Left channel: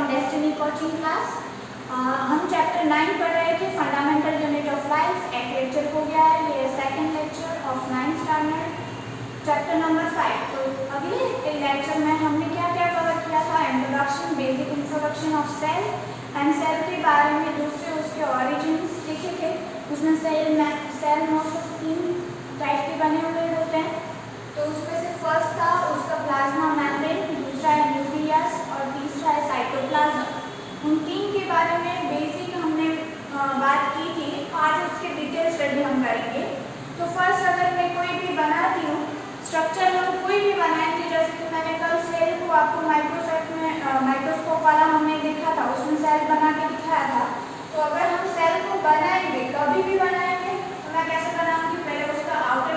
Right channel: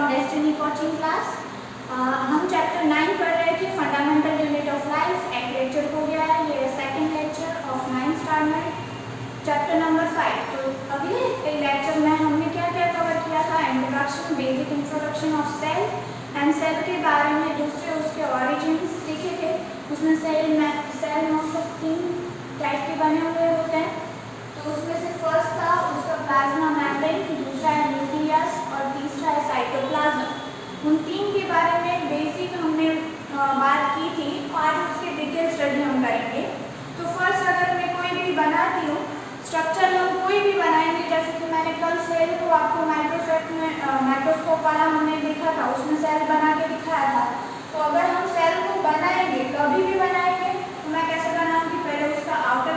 From destiny coaching class. हम chapter 9 पढ़ रहे थे, फंडामेंटल यूनिट ऑफ लाइफ। एक लेक्चर हो गया है, ये second lecture of 9th standard, chapter number 5। तो अगले लेक्चर में हमने क्या क्या कवर किया था? Introduction, basic introduction of cell and cell के बारे में, दूसरे उसके ऑरिजिन्स देखे थे। उसमें सेल मोस्ट ऑफ 3 टाइप के बने हुए होते हैं। तो उसमें से फर्स्ट था उसका प्लाज्मा मेम्ब्रेन, दूसरा है न्यूक्लियस और तीसरा है साइटोप्लाज्म। उन 3 के बारे में बेसिक हमने बात की थी, आज उसकी डिटेल स्टडी हम करेंगे। तो फर्स्ट अगर मैं कोई भी बनाती हूँ स्ट्रक्चर, हम कोई भी बनाएंगे, जैसे कि मैंने कल सेल को आपको माइक्रोस्कोप वाला हमने देखा था, उसमें सेल बना के दिखाया था। तो अगर हम सेल को बनाएंगे, कभी भी बनाएंगे, तो मैं कैसे बनाऊंगी? पहले उसका आउटर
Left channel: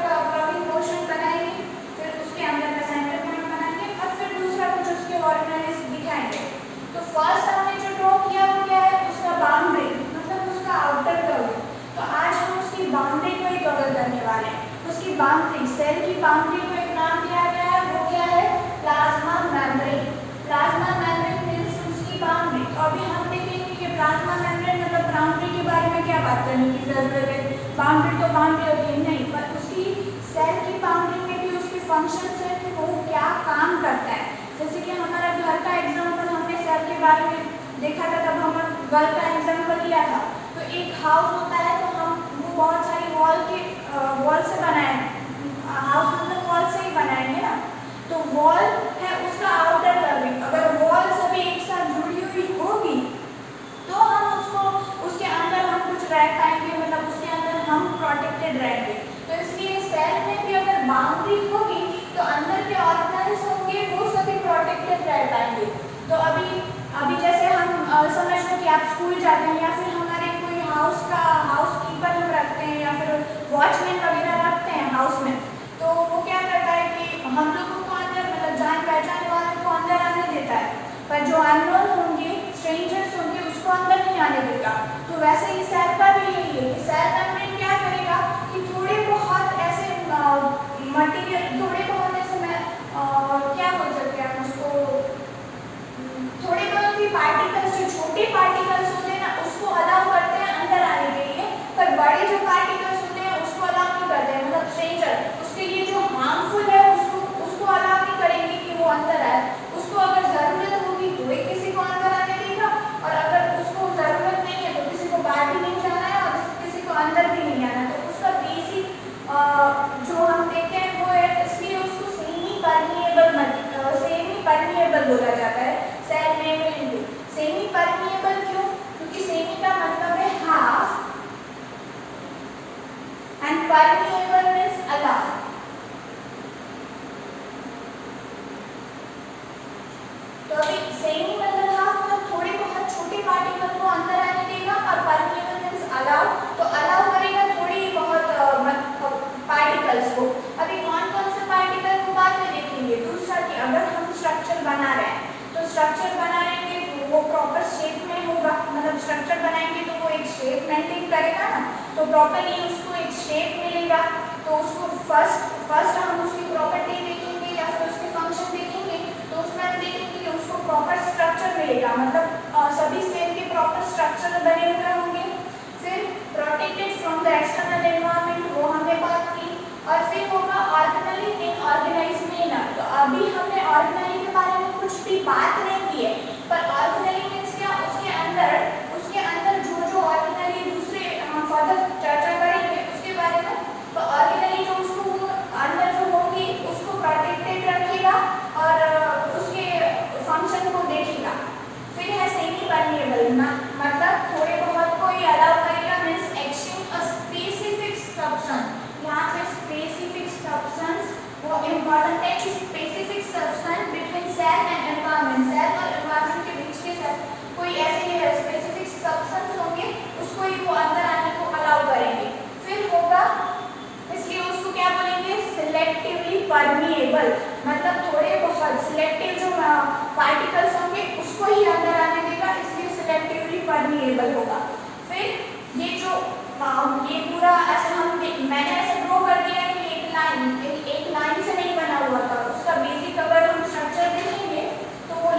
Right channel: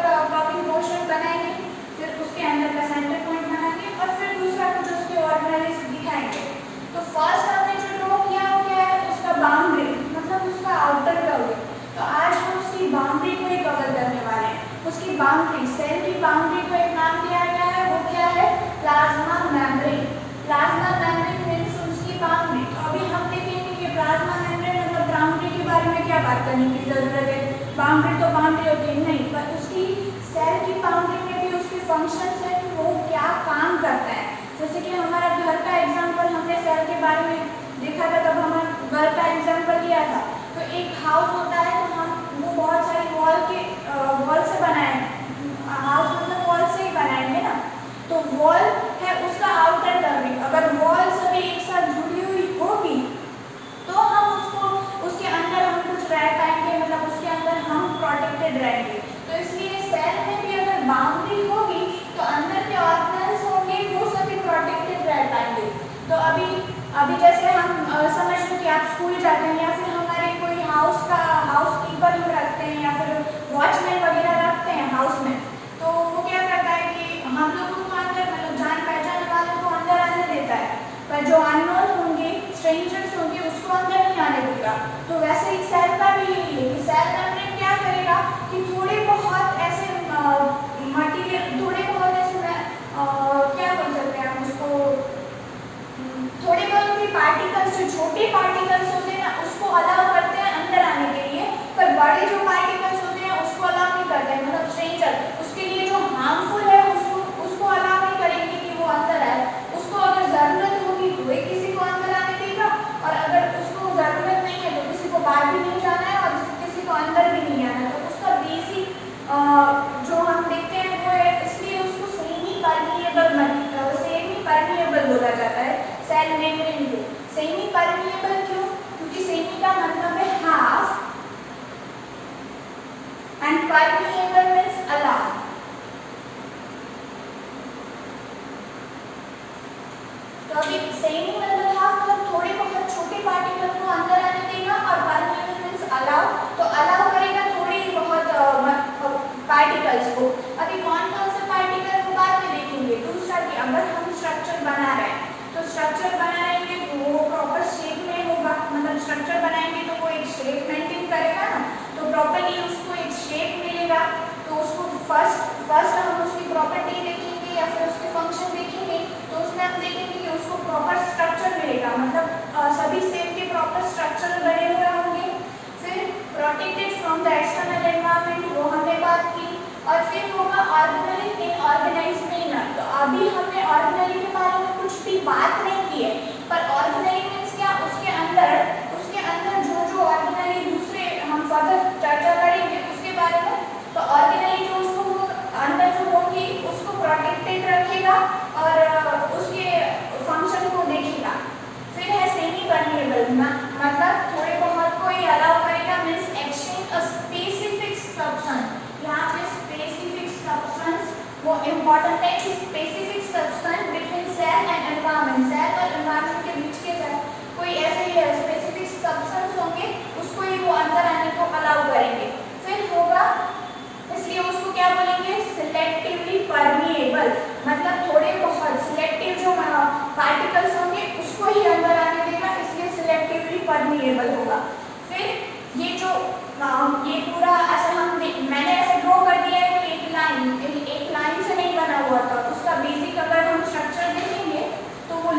कवरिंग पोर्शन बनाएंगे, फिर उसके अंदर का सेंटर पॉइंट बनाएंगे और फिर दूसरा कुछ उसके ऑर्डिनरीज दिखाएंगे। तो फर्स्ट हमने जो ड्रॉ किया वो क्या है? उसका बाउंड्री, मतलब उसका आउटर कवरिंग। तो आज हम उसकी बाउंड्री को ही कवर करने वाले हैं। उसकी बाउंड्री, सेल की बाउंड्री को एक नाम दिया गया है, वो क्या है? Plasma membrane. Plasma membrane means उसकी बाउंड्री। तो अभी हम देखेंगे कि प्लाज्मा मेम्ब्रेन मतलब बाउंड्री के बारे में क्या बात करने की जरूरत है। बाउंड्री तो बाउंड्री होती है, नहीं, पर उसकी सेल की बाउंड्री में भी उसकी फंक्शंस है कि वो क्या काम करता है। जैसे कि हमारा घर का एग्जाम्पल हमने सेल के बारे में देखा था, तब हमने घर का एग्जाम्पल लिया था। तो एक हाउस होता है, तो हम वो बहुत सारी वॉल से बनाए, हाउस मतलब वॉल से ही बनाएंगे ना। तो वॉल है उसका आउटर कवरिंग। अगर वॉल सभी एक साथ जुड़ी हुई होगी तो हम उसके अंदर हम कुछ रह पाएंगे, मतलब उसके अंदर हम प्रोटेक्टेड रहेंगे। तो इसलिए सेल में भी अगर बाउंड्री होगी तो अंदर के ऑर्गेनाइज होंगे, वो सभी प्रोटेक्टेड रह पाएंगे। तो अभी जैसे हम समझ लो कि आप स्कूल जाते हैं, या फिर हमारे कोई हाउस कीपर हम रखते हैं, या फिर वॉचमैन वगैरह रखते हैं हाउस में। तो वो क्या करता है कि हम लोगों को अंदर, मतलब जान पहचान वालों को अंदर आने देता है, पर जो अननोन होंगे, स्ट्रेंजर्स होंगे, उसको अंदर नहीं आने देगा। तो वैसे ही सेल का भी यही है कि सेल मेम्ब्रेन क्या करेगा कि थोड़े बहुत ऐसे मटीरियल, थोड़े बहुत ऐसे क्या बोल सकते हैं हम उसको, थोड़े बहुत भी पार्टिकल्स, जो छोटे पार्टिकल्स होते हैं ना, उसको अलाउ करते हैं अंदर आने के लिए, पर बड़े जो पार्टिकल्स होते हैं उसको अलाउ नहीं करते हैं, मतलब स्ट्रेंजर, उसके लिए जो हार्मफुल है उसको अलाउ नहीं करेंगे कि वो अंदर आए। उसको अगर ज़रूरत होगी तो एक किसी को अंदर आने देगा, और अगर उसको ज़रूरत नहीं है तो किसी को बाहर भी नहीं जाना है और किसी को अंदर भी नहीं आना है। तो उसका बेसिक जो हम देखते हैं वो है, इसलिए उसको सेमी परमिएबल बोला जाता है सेल मेम्ब्रेन को। सेमी परमिएबल क्यों? क्योंकि सेमी का मतलब है half and permeable means allow. तो अभी सेमी मतलब हाफ, मतलब थोड़े बहुत छोटे पार्टिकल को अंदर आने देगा, और परमिएबल मींस अलाउ, तो अलाउ करेगा थोड़ी बहुत पार्टिकल्स को। अभी कौन कौन से पार्टिकल को बाद में देखेंगे। दूसरा कि अगर हम स्ट्रक्चर बना रहे हैं, तो स्ट्रक्चर बनाएंगे तो वो प्रॉपर शेप में होगा, मतलब स्ट्रक्चर बनाएंगे तो वो एक शेप मेंटेन करेगा ना, तो प्रॉपर्ली उसको एक शेप मिलेगा। तो उसको फर्स्ट हम उसकी प्रॉपर्टी देखेंगे या फिर उसके फंक्शन देखेंगे, तो उसमें हम देखेंगे कि उसको प्रॉपर स्ट्रक्चर मिलेगा, मतलब सभी सेल के प्रॉपर स्ट्रक्चर बने हुए होंगे। फिर protected from the external environment, वो हमने बात की। और फिर होगा ऑर्गेनली इन ऑर्गेनाइज मैनर। तो अभी हमने ऑर्गेनली के बारे में कुछ भी बात नहीं की है, पर ऑर्गेनली मींस क्या? उसके अंदर जो ऑर्गेनली दूसरे हम फर्दर चर्चा करेंगे उसके बारे में। तो ऑर्गेनली जो उसको अंदर जो होगी उसको प्रोटेक्टेड रखेगा और उसके फंक्शन को देखेगा। फिर है सेमी परमिएबल, मतलब थोड़े बहुत को ही अलाउ करेगा, means exchange a specific substance. यहाँ पे स्पेसिफिक सब्सटेंस वो इम्पोर्टेंट है कि specific substance between cell and environment, cell और एनवायरनमेंट के बीच के साथ कोई ऐसे स्पेसिफिक सब्सटेंस होंगे, उसको ही वो अंदर आने को अलाउ करेंगे। फिर होगा, इसलिए उसको क्या बोलेंगे? सिलेक्टिवली परमिएबल, मतलब थोड़े बहुत सिलेक्टिव जो पार्टिकल्स होंगे उसको ही अंदर आने देगा, इसलिए सिलेक्टिवली परमिएबल होगा। फिर ये पूरा ऐसे मैंने ऐसे ड्रॉ कर दिया है कि एक लाइन से नहीं बना हुआ था। उसका बेसिक अगर हम स्ट्रक्चर देखेंगे तो वो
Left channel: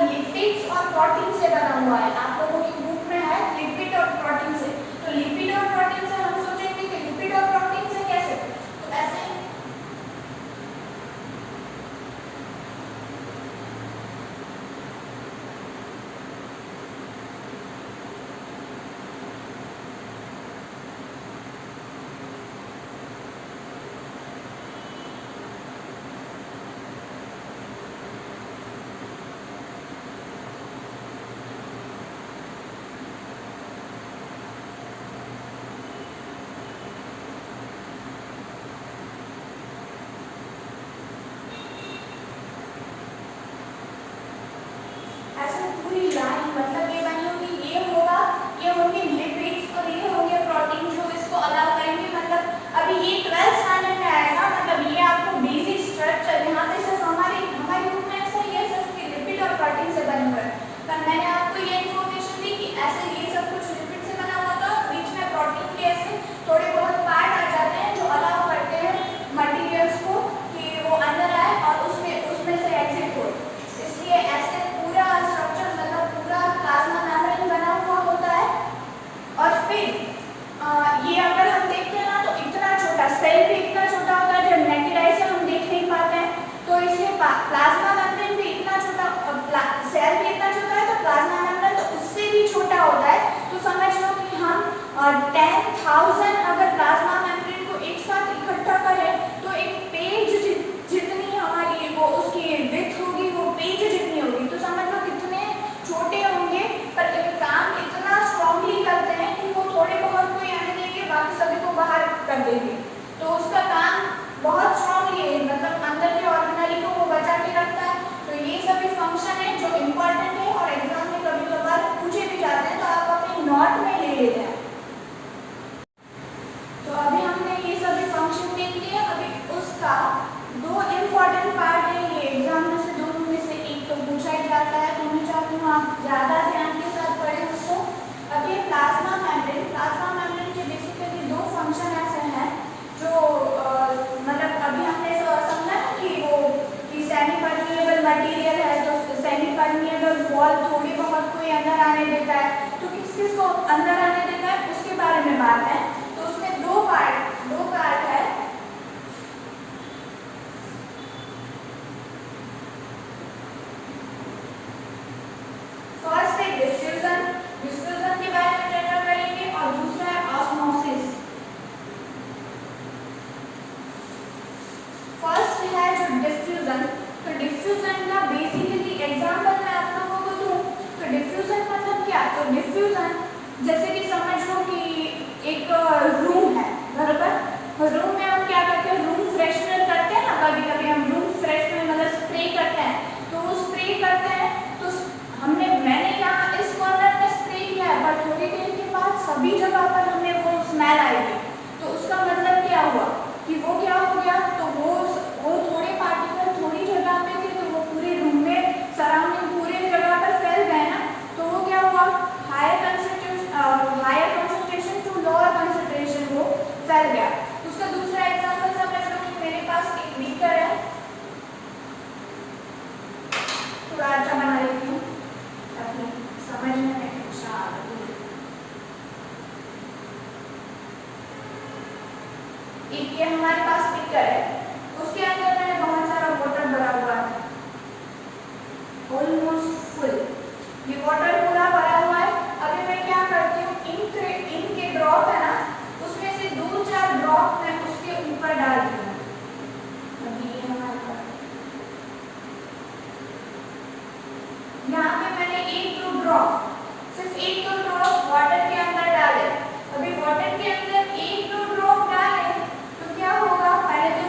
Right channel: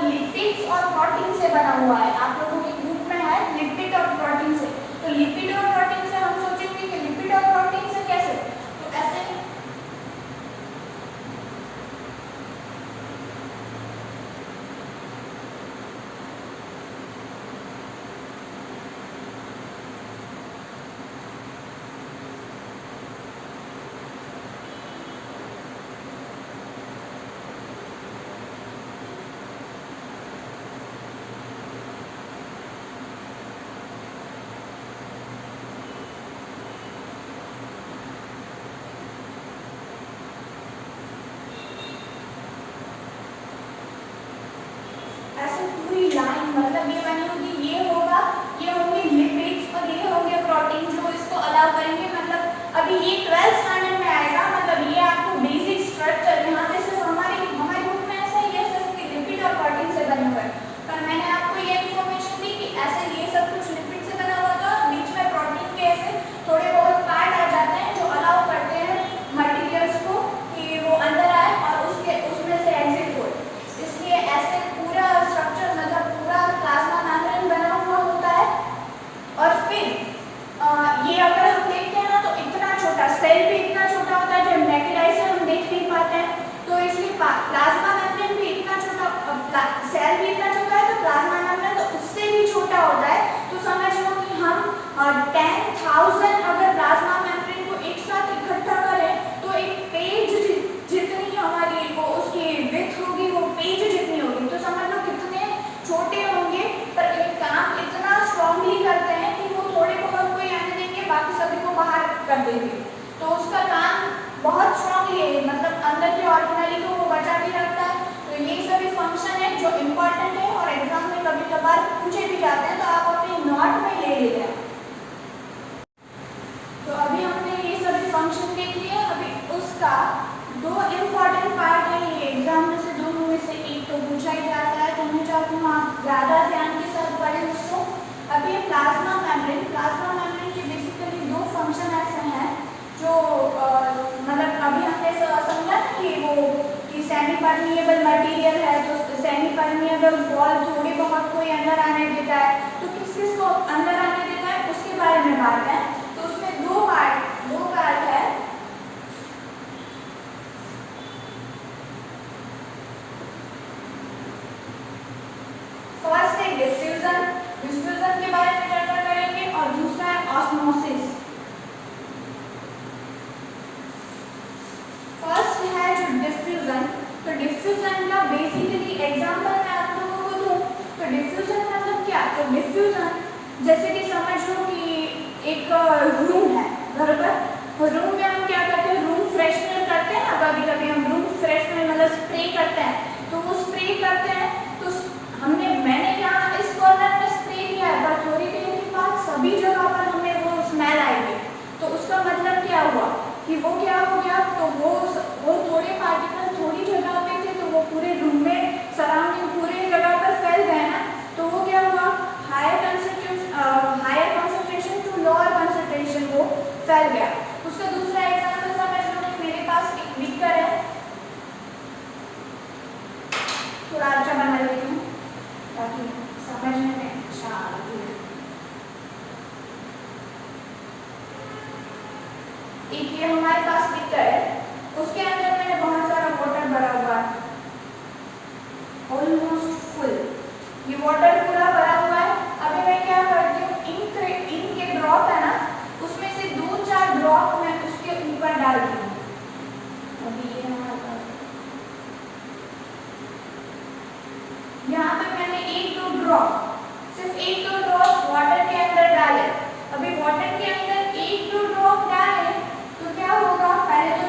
छोटा, सेल भी इतना छोटा होता है, जब नेकेड आई से हम देख नहीं पाते हैं, तो इसलिए प्लाज्मा मेम्ब्रेन भी इतना छोटा, सेल भी इतना छोटा है तो प्लाज्मा मेम्ब्रेन तो उससे भी छोटा होता है। तो समझ लो कि हम 10,000 अगर प्लाज्मा मेम्ब्रेन को एक साथ इकट्ठा करें तो एक पेज जितनी हमारी वो उसकी विड्थ होगी, वो पेज जितनी होगी। तो समझ लो कितने छोटे होंगे, पर एक काम इतना स्ट्रांगली करते हैं कि वो थोड़े बहुत कोई आने देंगे, बाकी सभी को बाहर कर देंगे। तो उसका काम बहुत स्ट्रांगली है, मतलब अंदर के ऑर्गेनेली को वो बचा के रखता है। तो ये सभी फंक्शन है जो इम्पोर्टेंट है और एग्जाम में कभी कभार पूछे भी जाते हैं, तो आप अपने नोट में ले लेते हैं। तो अभी हमने ये सभी फंक्शन देख लिए। अभी उसका दो इम्पोर्टेंट पार्ट है, ये एग्जाम में से दोनों में से एक तो पूछा ही जाता है, तो मैं चाहती हूँ आप ज़्यादा ध्यान के साथ पढ़ें उसको। अभी प्लाज्मा मेम्ब्रेन के बेसिकली दो फंक्शन ऐसे हैं जो मतलब अभी हमने समझा कि वो कि सेमी परमिएबल मटेरियल है, तो सेमी परमिएबल वॉल थोड़ी बहुत कोई अंदर आने देता है, तो किस किस को अंदर आने देता है उसके बारे में बात है। तो उसमें दो पार्ट है। फर्स्ट है डिफ्यूजन के बारे में चर्चा करेंगे, और दूसरा है ऑस्मोसिस। फर्स्ट है जो डिफ्यूजन, तो डिफ्यूजन का बेसिकली एग्जांपल मैं आप लोगों को दूं तो डिफ्यूजन मतलब क्या, तो डिफ्यूजन जैसे कि समझ लो कि एक रूम है, बराबर। रूम में हम क्या करते हैं, रूम फ्रेशनर करते हैं ना, कभी कभी हम रूम फ्रेशनर मतलब स्प्रे करते हैं, तो वो स्प्रे करते हैं, तो मैंने क्या इस कॉर्नर में स्प्रे किया है, पर थोड़ी देर के बाद सभी जगह पर हमें वो स्मेल आएगी। तो उसका मतलब क्या हुआ कि वो क्या हो गया, तो वो थोड़े पार्टिकल थोड़ी जगह पे थे, तो वो पूरे रूम में सराउंडिंग पूरे जगह पर फैल गए ना, तो वो क्या हुआ, higher concentration to lower concentration वो फैल गया। उसका दूसरा एग्जांपल समझ लो कि मेरे पास एक बीकर है, थोड़ा अच्छा बना लेती हूँ ताकि समझने में अच्छा लगे। एक ये हमारे पास बीकर है, उसके अंदर मैंने बहुत सारा वाटर भरा हुआ है, ऑलमोस्ट फुल, ये वाटर पूरा भरा हुआ है। अभी मैं क्या करती हूँ, इंक के ड्रॉप है ना, उसमें से 2-4 ड्रॉप मैं उसके ऊपर डालती हूँ। अभी ये हमारे पास यहाँ पे मैंने 1-2 ड्रॉप, सिर्फ 1-2 ड्रॉप वाटर के अंदर डाले। अभी वाटर के अंदर 1-2 ड्रॉप डाले तो क्या होगा, पहले तो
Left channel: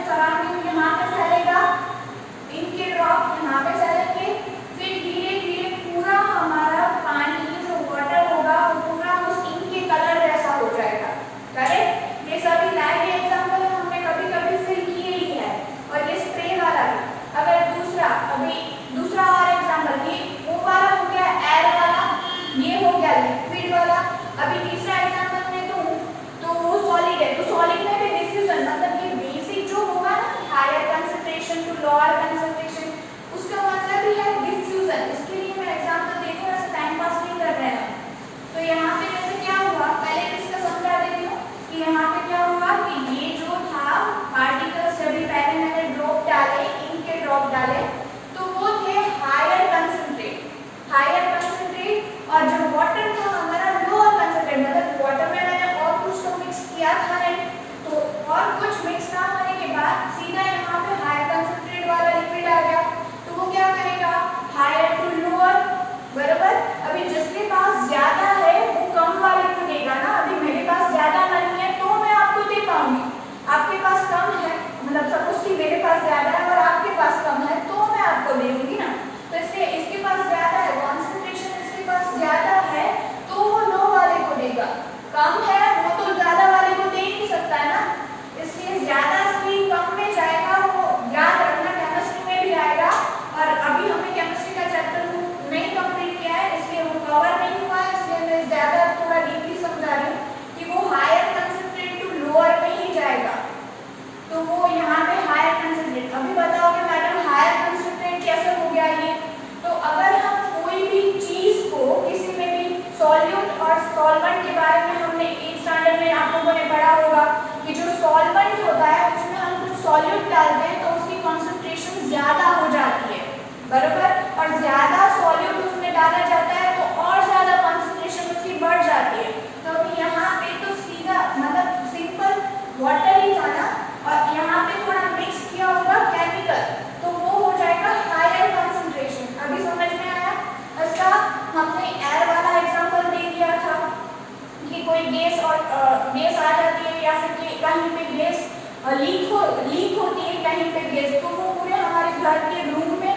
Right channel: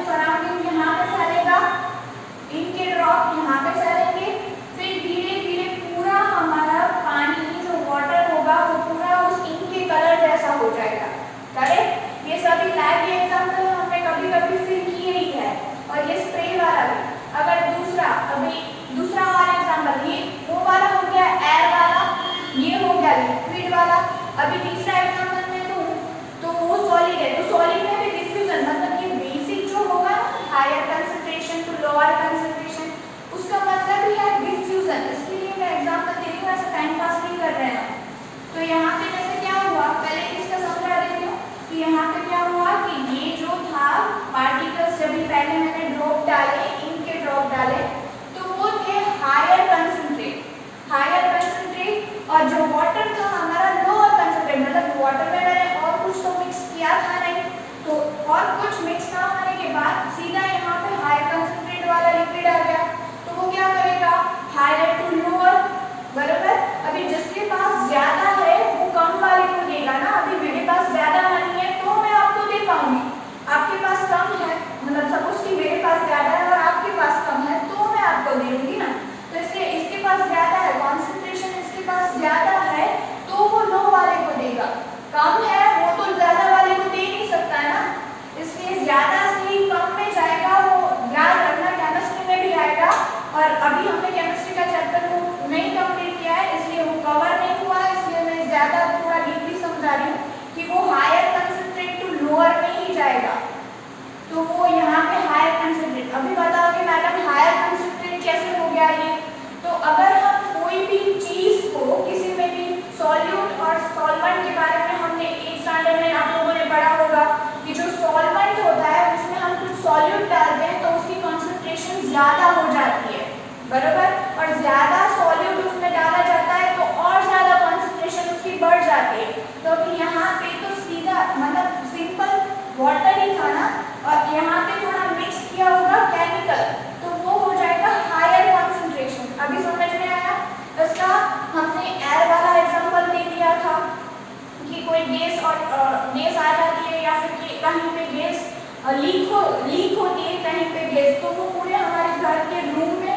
लीक होती है कहीं पे गैस, तो वो पूरे हमारे घर के रूम में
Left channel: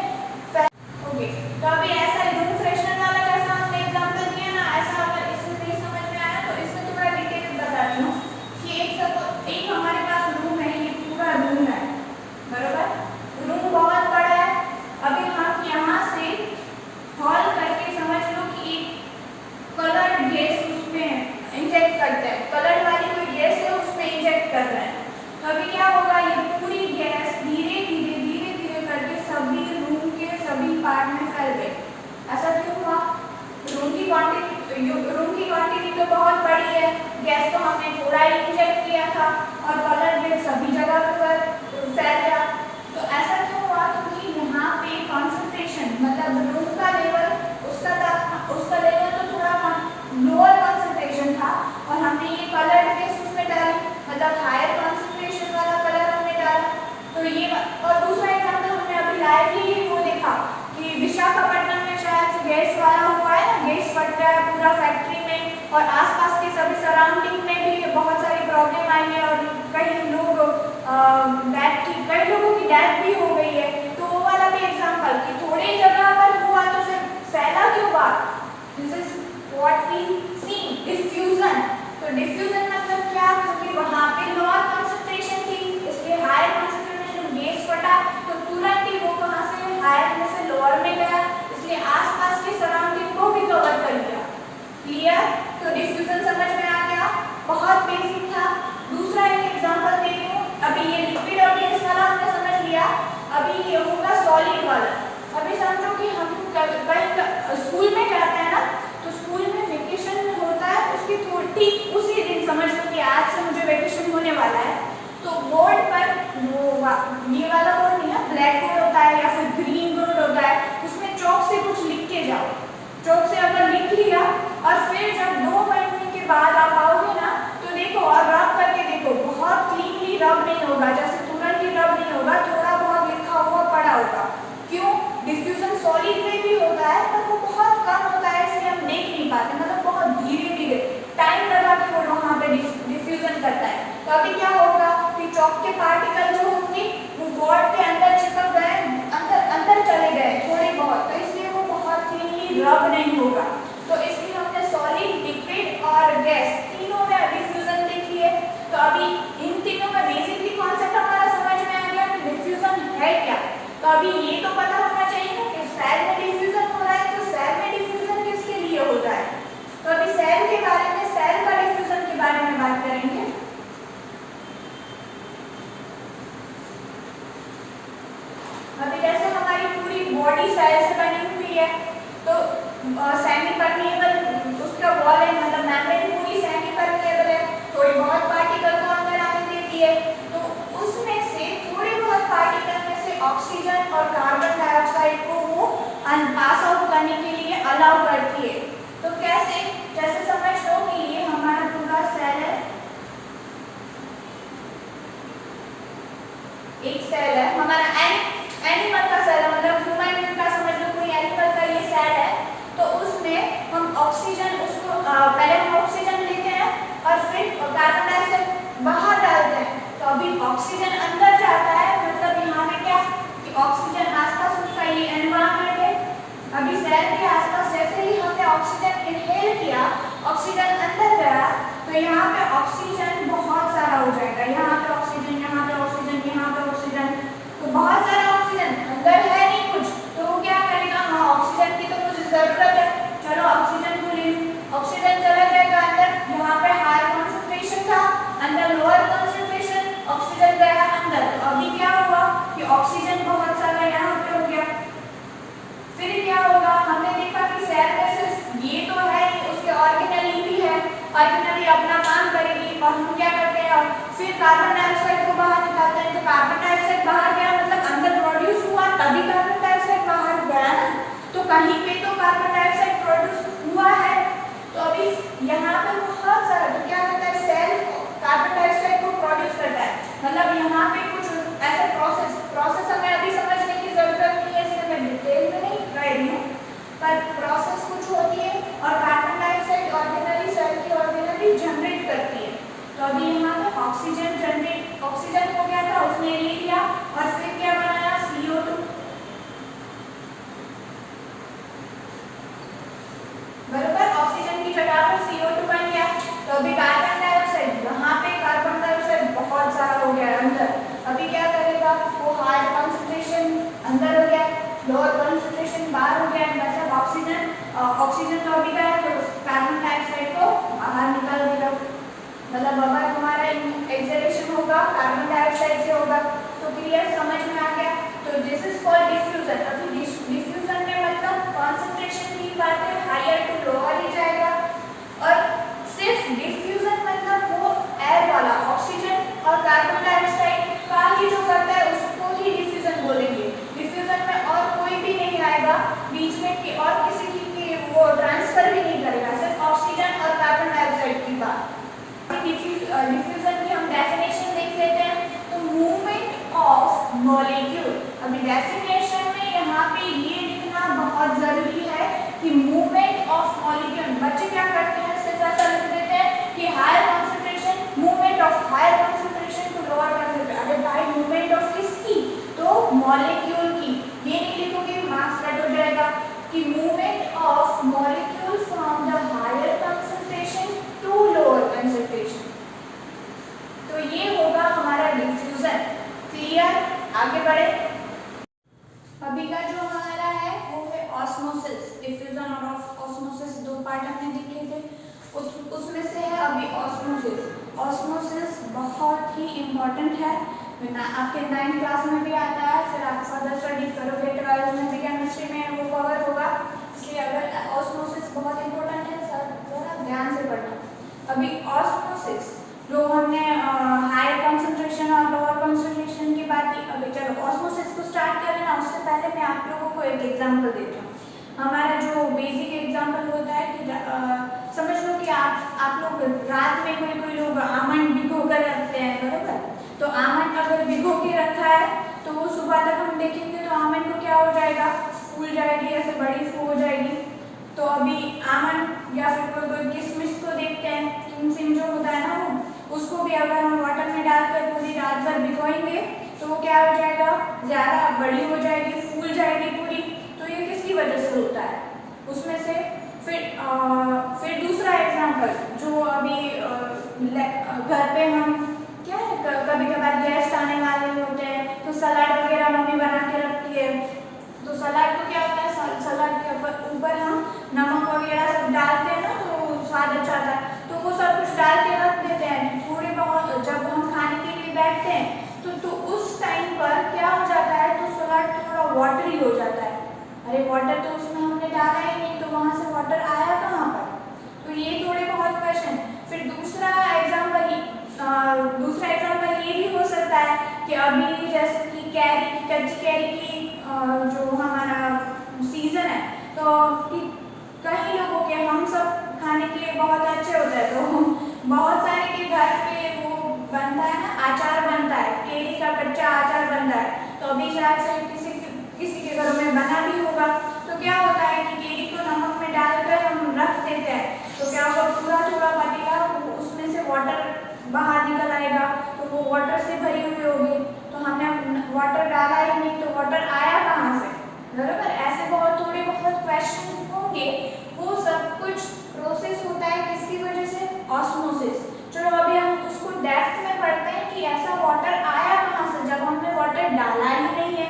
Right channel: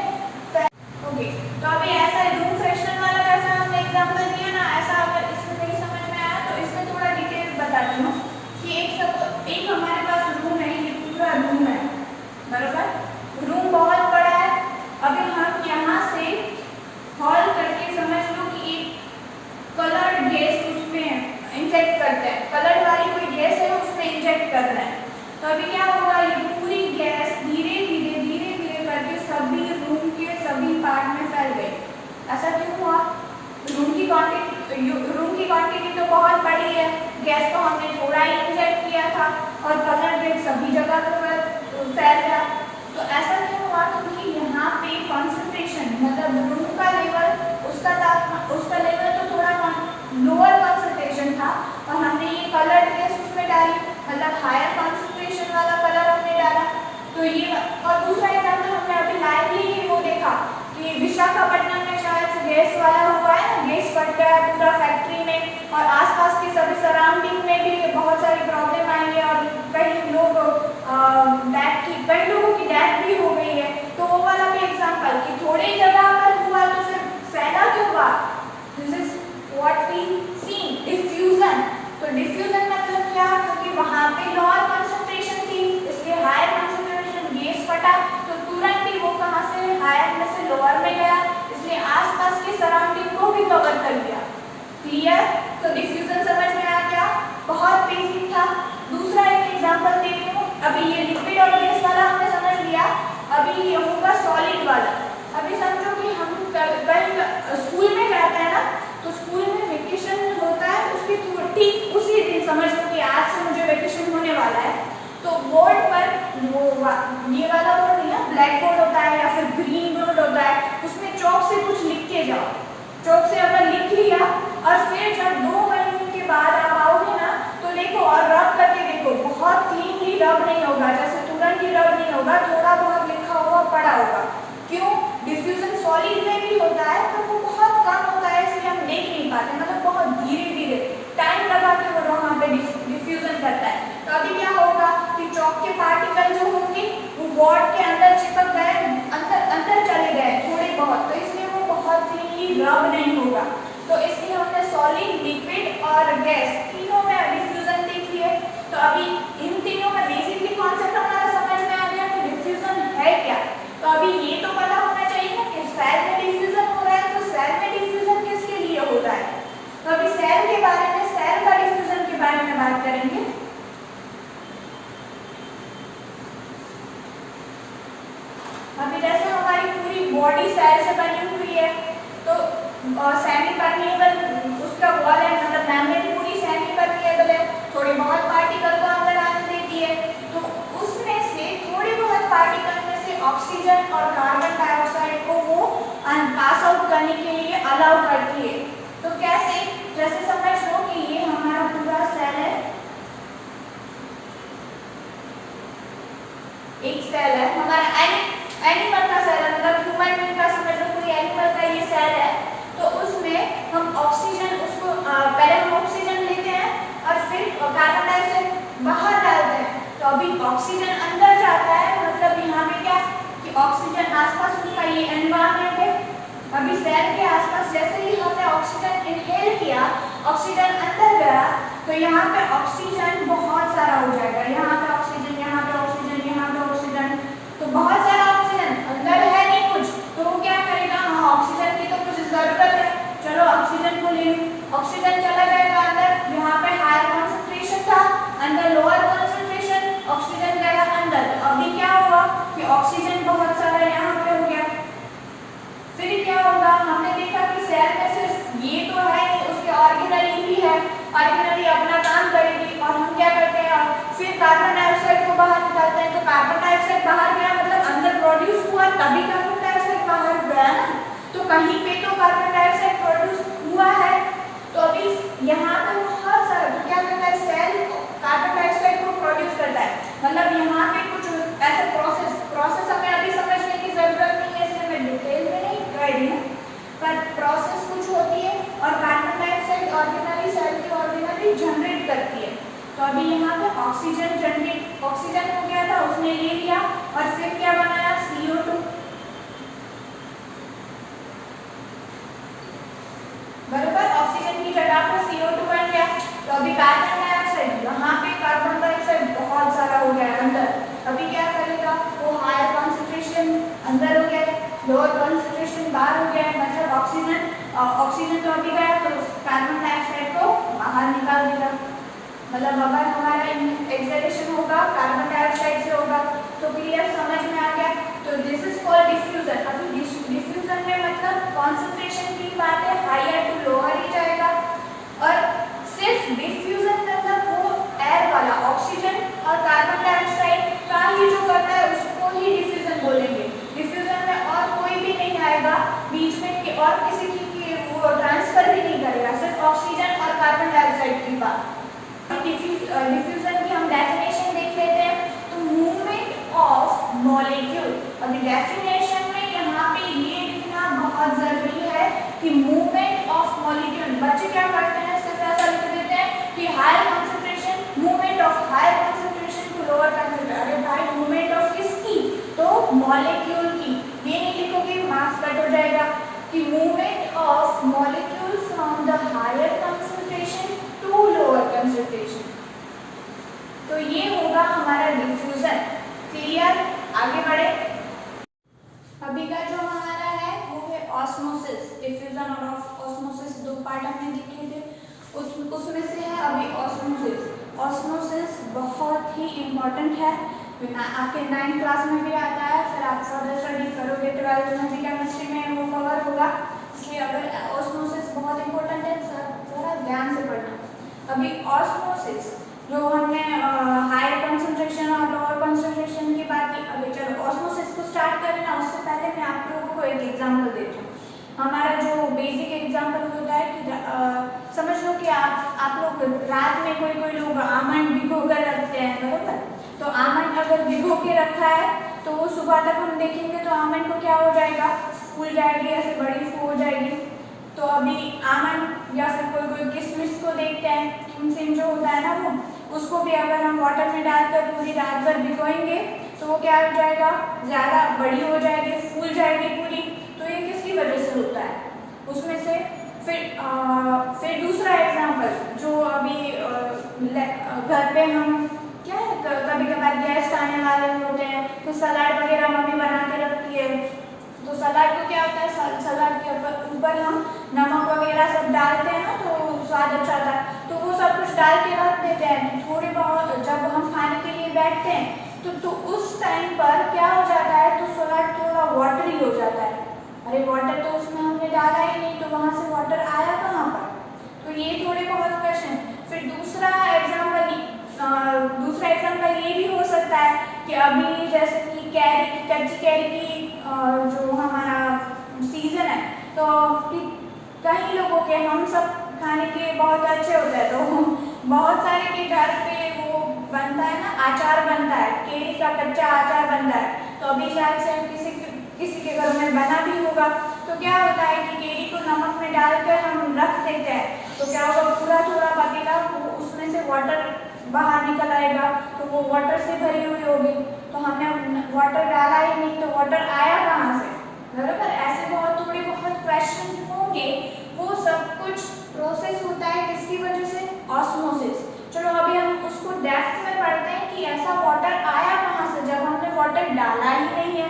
ओके। तो अभी ऐसा रूम फ्रेशनर वाला जैसा हमने एग्जांपल दिया ना, ऐसा अगर इसमें नहीं समझ में आया तो इसमें थोड़ा डिटेल बताती हूँ कि एक हमारे पास रूम है, ये पूरा रूम है बराबर, रूम बहुत बड़ा है। अभी हम यहाँ से हॉल करके समझ लो कि एक कलर्ड गैस उसमें इंजेक्ट करते हैं, कलर्ड वाली कोई गैस है उसमें इंजेक्ट कर रहे हैं। तो अभी क्या होगा, ये पूरी गैस धीरे धीरे करके सभी रूम के सभी पार्ट में फैल गई। ऐसा क्यों हुआ? रूम की क्वांटिटी तो बहुत बड़ी है, गैस तो हमने थोड़ा ही इंजेक्ट किया था और कलर्ड गैस सभी जगह पर फैल गया। तो ऐसा क्यों हुआ? क्योंकि यहाँ पे कॉन्सेंट्रेशन मतलब रूम का लेवल उसका लेवल तो थोड़ा लोअर कॉन्सेंट्रेशन था और हमने ये कलर्ड गैस उसमें डाली, मतलब हायर कॉन्सेंट्रेशन वाला कलर हमने डाला। तो ये और दूसरा एग्जाम्पल हमने अभी लाइवली वो देखा कि विशाखापट्टनम में शायद से गैस वाला हुआ है ना, गैस फट गया है पूरा फैक्ट्री में और आसपास के सभी सराउंडिंग में भी बहुत सारी प्रॉब्लम आई है और कई लोगों की डेथ भी हो गई है। तो वो वाला भी एग्जाम्पल कि थोड़ी जगह पर हुआ तो फिर फैला क्यों हुआ? This is what we see diffusion. तो डिफ्यूजन मतलब क्या? क्योंकि वहां पे लोअर कॉन्सेंट्रेशन थी इसलिए हायर कॉन्सेंट्रेशन गैस फटा तो तुरंत ही वो कहां से हायर में से लोअर में गया, इसलिए आसपास के सराउंडिंग को भी कवर कर लिया। क्लियर? तो डिफ्यूजन समझ में आ गया, बहुत बेसिक था। दूसरा एक एग्जांपल देती हूँ। अभी ये लिक्विड और गैस वाला हमने समझ लिया, अभी ये होगा सॉलिड वाला। अभी समझो कि हम कहीं स्कूल में जाते हैं ना, तो स्कूल में वेकेशन होता है, उसके ठीक उसी दिन समझ लो कि आज से मुझे वेकेशन होने वाला है, तो बोर्ड पर वो ये वाला बोर्ड नहीं है, ब्लैक बोर्ड होता है या फिर ग्रीन बोर्ड होता है, उसमें चौक से कुछ लिख के जाओ। चौक से अगर लिख लिया और फिर जब 2 महीने के बाद आप आओगे ना तो देखो और रब करके देखो, बहुत क्लीनली रब नहीं होगा, जैसे तुरंत ही रब नहीं होगा, थोड़ा बहुत लिखा हुआ पड़ा होगा। क्यों? डिफ्यूजन सॉलिड में भी होता है पर वो बहुत कम होता है, इसलिए हम देख नहीं पाते, मतलब बहुत धीरे टाइम लगा के वो वहाँ पे डिफ्यूजन करता है। तो अभी क्या होगा कि चौक के पार्टिकल जो होंगे वो बोर्ड के अंदर चिपक गए, अंदर चले गए थोड़े बहुत, तो इसलिए वो बहुत क्लीनली रब नहीं होगा। तो इसलिए हमने सॉलिड, लिक्विड और गैस तीनों में डिफ्यूजन देख लिए। तो अभी इन तीनों में बेसिकली कॉन्सेप्ट हमारा समझ में आ गया कि डिफ्यूजन है क्या। तो अभी ये तो पता होना चाहिए ना कि सेल में डिफ्यूजन हो रहा है, तो सेल में डिफ्यूजन किसके लिए होता है। तो अभी सेल के बारे में, सेल का डिफ्यूजन के बारे में बात करेंगे। अभी जैसे हमारी पूरी बॉडी सेल से बनी हुई है, तो सेमी परमिएबल उसका वॉल है, मतलब मेम्ब्रेन पूरी सेमी परमिएबल है, थोड़े बहुत पार्टिकल को अंदर आने देती है, तो उसमें से थोड़े बहुत पार्टिकल में से ऑक्सीजन और कार्बन डाइऑक्साइड को वो पास आउट करने के लिए अलाउ करती है। तो कैसे? जैसे समझ लो कि ये हमारा पूरा सेल है, एक सेल है हमारा एनिमल का सेल है, मतलब ह्यूमन बीइंग का समझ लो, कोई एनिमल का ये सेल है। तो उसमें हम ऑक्सीजन पहले हम ऑक्सीजन लेते हैं और फिर कार्बन डाइऑक्साइड बाहर डालते हैं। तो अभी ऑक्सीजन अंदर जाता है, मतलब यहाँ पे क्या कि ऑक्सीजन आसपास उसका ये एनवायरनमेंट है। अभी सेल के आसपास जैसे ही हमने ऑक्सीजन इनहेल किया, ऑक्सीजन अंदर गया, तो यहाँ पे ऑक्सीजन बहुत सारा हो जाएगा, यहाँ पे ऑक्सीजन, यहाँ पे ऑक्सीजन, यहाँ पे ऑक्सीजन, तो बहुत सारा ऑक्सीजन अंदर है नहीं कुछ, तो वो क्या करेगा, हाँ ऑक्सीजन की तो कुछ जरूरत है, चलो ऑक्सीजन को ले लो। ऑक्सीजन चला जाएगा अंदर, यहाँ पे हायर कॉन्सेंट्रेशन था, अंदर लोअर कॉन्सेंट्रेशन, ऑक्सीजन गया अंदर। तो अभी क्या होगा कि ऑक्सीजन बहुत सारा यहाँ पे हो गया। फिर क्या होगा, हमने देखा कि सेल में सिर्फ ये तो है नहीं, उसके ऑर्गेनली भी है, ऑर्गेनली अपना काम करेगी और हम क्या करते हैं, फिर कार्बन डाइऑक्साइड को बाहर निकालते हैं। तो कार्बन डाइऑक्साइड बाहर गया मतलब अंदर प्रोड्यूस हुआ, तभी कार्बन डाइऑक्साइड बाहर गया ना, तो कहीं पे तो कार्बन डाइऑक्साइड प्रोड्यूस हुआ है। तो अभी यहाँ पे बहुत सारा, तो क्या करता है सेल कार्बन डाइऑक्साइड को प्रोड्यूस करता है, मतलब यहाँ पे कुछ ऐसा प्रोसेस हमें अभी समझने की जरूरत नहीं है, इसलिए मैं डिटेल में नहीं कह रही हूँ, पर प्रोसेस कुछ होती है और कार्बन डाइऑक्साइड ऑर्गेनली सेल की ऑर्गेनली जनरेट करती है। तो अभी यहाँ पे ऑक्सीजन जनरेट ऑक्सीजन हो गया था, उसने ले लिया और फिर क्या बनाया, CO2। बराबर, ऑक्सीजन की जगह पर CO2 बन गया। तो अभी कार्बन डाइऑक्साइड, वहां पे कार्बन डाइऑक्साइड बहुत सारा हो गया अंदर, अभी क्या करेगा, वो हायर कॉन्सेंट्रेशन अंदर हो गया, लोअर कॉन्सेंट्रेशन बाहर हो गया, मतलब ऑक्सीजन तो अभी गया तो कार्बन डाइऑक्साइड को बाहर निकाल देगा। मतलब अगर हमारा एक्सेलेरेशन होगा कार्बन डाइऑक्साइड से होगा, तो क्लियर समझ में आ गया। तो दिस इज कॉल्ड डिफ्यूजन। अभी डिफ्यूजन में मतलब कॉन्सेंट्रेशन की बात है, हायर टू लोअर ही जाएगा। और सिर्फ डिफ्यूजन मतलब वो एयर वाला ऑक्सीजन और कार्बन डाइऑक्साइड का ही जो करता है उसको ही डिफ्यूजन बोलेंगे। डिफ्यूजन में और कोई भी नहीं आएगा बीच में कि और किसी की वो ट्रांसफर भी नहीं करेगा, सिर्फ ऑक्सीजन और कार्बन डाइऑक्साइड की बात। डिफ्यूजन की हम डेफिनेशन देख लेते हैं। तो मूवमेंट ऑफ मॉलिक्यूल, अभी डेफिनेशन में यहाँ पे ये लिखना बहुत जरूरी है कि मूवमेंट ऑफ मॉलिक्यूल, बच्चे क्या करते हैं सिर्फ ऐसा लिख देते हैं कि higher concentration, movement of higher concentration to lower concentration. अगर भाई मूवमेंट ऑफ किसकी, तो मॉलिक्यूल की, ये नहीं लिखोगे मार्क्स कट हो जाएगा कि movement of molecule from the higher concentration to lower concentration. तो ये होगा हमारा डिफ्यूजन। क्लियर, आगे बढ़े। अभी का जो हमारा है वो है ऑस्मोसिस। डिफ्यूजन और ऑस्मोसिस दो पार्ट हमने देखे थे, उसमें से है अभी ऑस्मोसिस। ऑस्मोसिस बहुत ही इम्पोर्टेंट है, आपके 9th क्लास में भी आता है, फिर आप फर्दर स्टडी करोगे 12th में भी केमिस्ट्री में वो कवर होगा। इसलिए अगर ऑस्मोसिस बहुत इम्पोर्टेंट है, सर थोड़ा ध्यान से पढ़ना। अभी ऑस्मोसिस जो हमने हायर कंसंट्रेशन और लोअर कंसंट्रेशन की बात की, अभी चलो ऑस्मोसिस को स्टार्ट करें ना, उससे पहले मैं आप लोगों को एक एग्जांपल देती हूँ। हमारा जो बेसिक एग्जांपल होता है कि समझ लो कि आप लोग रात में कोई लोग आमंड भिगो कर रखते हैं, बराबर। तो आमंड अगर भिगो के रखा है तो वो सुबह तक हम देखेंगे तो आमंड को क्या हो जाएगा, फूल जाएगी, ऐसे बड़ी हो जाएगी। तो अभी आमंड या फिर कोई किशमिश को देखते हैं, किमसिम जो होता है ना वो, उसको भी अगर हम वाटर में डालकर पूरी रात भर भिगोएंगे तो वो क्या हो जाएगा, ज़्यादा बड़ी हो जाएगी, फूल जाएगी पूरी। तो ये किसकी वजह से होता है, उसमें से फिर दूसरा एग्जाम्पल जो अभी घर पे हम क्या है, कभी कभार गेस्ट आने वाले होते हैं तो सलाद वगैरह मम्मी बना के रखती है। तो सलाद को क्या होता है, सलाद के ऊपर हम नमक वगैरह सब डालते हैं ना तो स्वाद अच्छा आता है, तो वो सब कुछ डाल के रख देते हैं। थोड़े बहुत जब हम खाने के लिए बैठते हैं तो उस टाइम पर क्या हो जाता है, तो सलाद थोड़ा वाटरी हो जाता है। अरे वाटर तो उसमें हमने डाला ही नहीं, तो वहाँ से वाटर आया कहाँ पर। तो ये थोड़े बहुत क्वेश्चन। फिर दूसरा एग्जाम्पल ये भी हो सकता है कि अभी जैसे कि कच्ची कैरी की जो हमारा सीजन है, तो कई लोगों के, हम सब खाने के बहुत अच्छे होते हैं, तो बहुत सारे के घर पे वो बनता है ना, आचार बनता है, केरी का कच्चा आचार बनता है। तो अभी शायद से किसी के घरों में बना भी होगा। तो क्या होता है कि केरी को नमक में डालकर हम रख देते हैं, तो क्या होगा, पूरा थोड़ा पकेगा, उसमें से वाटर बाहर निकल आएगा, तो वो वाटर से भरी हुई होगी। तो हमने वाटर डाला ही नहीं, तो वाटर आया कहाँ से, बराबर। ऐसे बहुत थोड़े बहुत क्वेश्चन होंगे। वो सब कुछ प्रोसेस होता है किसकी वजह से, ऑस्मोसिस। चलो अभी हम उसको डेप्थ में पढ़ते हैं कि ऐसा वाटर आया कहाँ से जब हमने वाटर डाला ही नहीं है।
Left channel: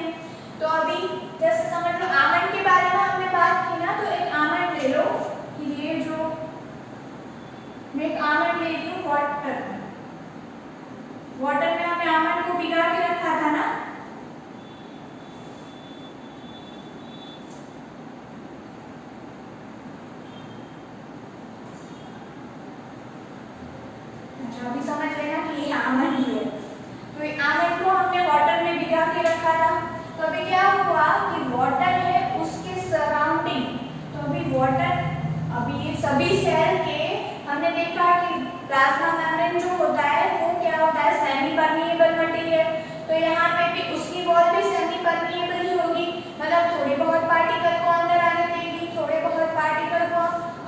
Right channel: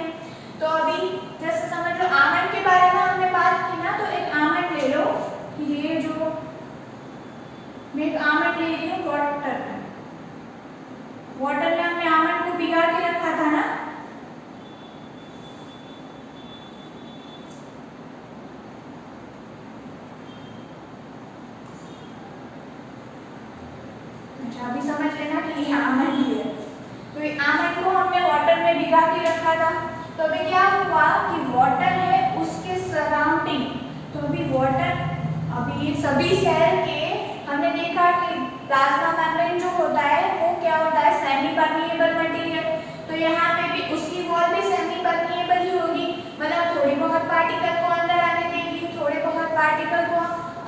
तो अभी जैसे समझ लो आमंड के बारे में हमने बात की ना, तो एक आमंड ले लो, ये जो मैं एक आमंड ले रही हूँ वाटर में हमने आमंड को भिगा के रखा था ना। अच्छा अभी समझ लेना कि ये आमंड ही है। तो ये आमंड को हमने वाटर में भिगा के रखा था। तो अभी क्या हुआ कि वाटर है उसके सराउंडिंग, तो अभी वाटर, अभी ये सभी सेल के हमने देखा कि प्लाज्मा मेम्ब्रेन जो होता है वो क्या होता है, सेमी परमिएबल मटेरियल। तो यहाँ पे भी उसकी वॉल भी सेमी परमिएबल ही होगी, मतलब थोड़े बहुत पार्टिकल को अंदर आने देगी, थोड़े बहुत पार्टिकल को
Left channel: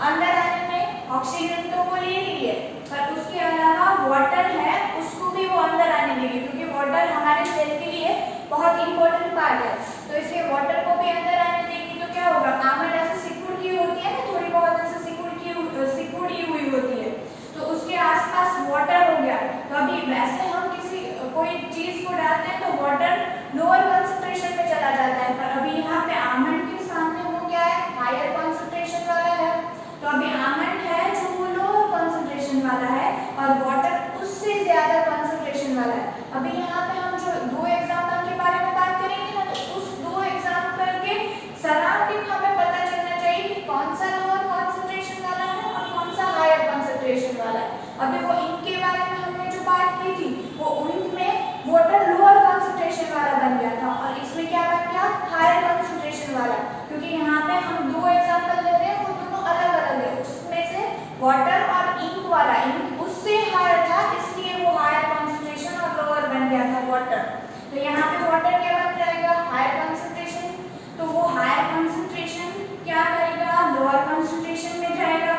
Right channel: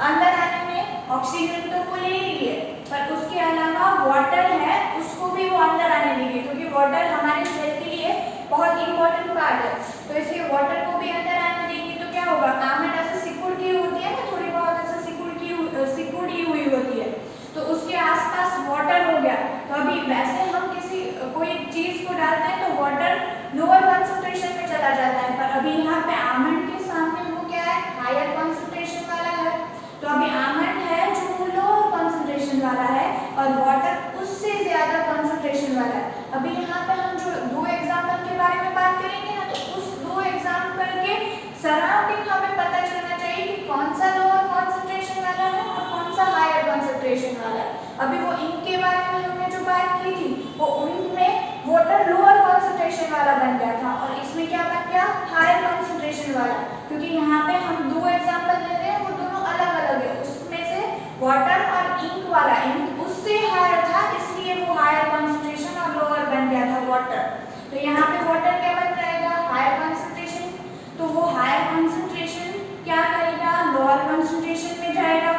अंदर आने में ऑक्सीजन तो वो ले रही है, पर उसके अलावा वाटर है उसको भी वो अंदर आने देंगे, क्योंकि वाटर हमारे सेल के लिए बहुत इंपॉर्टेंट पार्ट है, तो इसलिए वाटर को भी अंदर आने देंगे। तो क्या होगा, आमंड ऐसे सिकुड़ की होती है ना, थोड़ी बहुत ऐसे सिकुड़ी हुई होती है, तो उसके आसपास वाटर हो गया। तो अभी वैसे हम किसी कोई चीज को डालते हैं तो वाटर लोअर कंसंट्रेशन में चला जाता है, पर अभी यहाँ पे आमंड के सामने वो क्या है, हायर कंसंट्रेशन वाला है। तो अभी आमंड है जो वो लोअर कंसंट्रेशन वाला है और वाटर उससे ज्यादा कंसंट्रेशन वाला है। अभी यहाँ पे हम जो दो एग्जांपल के बारे में बात करेंगे ना, तो उस दो एग्जांपल के सराउंडिंग हमें पता चलना चाहिए कि कौन सा लोअर कंसंट्रेशन वाला है और कौन सा हायर कंसंट्रेशन वाला है। अभी वो इंक के बारे में हमने जो बात की थी, वो इंक में वाटर लोअर कंसंट्रेशन वाला बन गया था और इसमें क्या बन गया, हायर कंसंट्रेशन वाला, क्योंकि यहाँ पे हम दो एग्जांपल ले रहे हैं, वो दोनों अलग अलग है। उसमें से वाटर और इंक वाला, इंक उससे हायर था इसलिए वो हायर कंसंट्रेशन और लोअर बन गया था वाटर। तो यहाँ पे वाटर क्या बन जाएगा, हायर कंसंट्रेशन। तो वो हायर कंसंट्रेशन क्या करेगा, लोअर कंसंट्रेशन में जाएगा,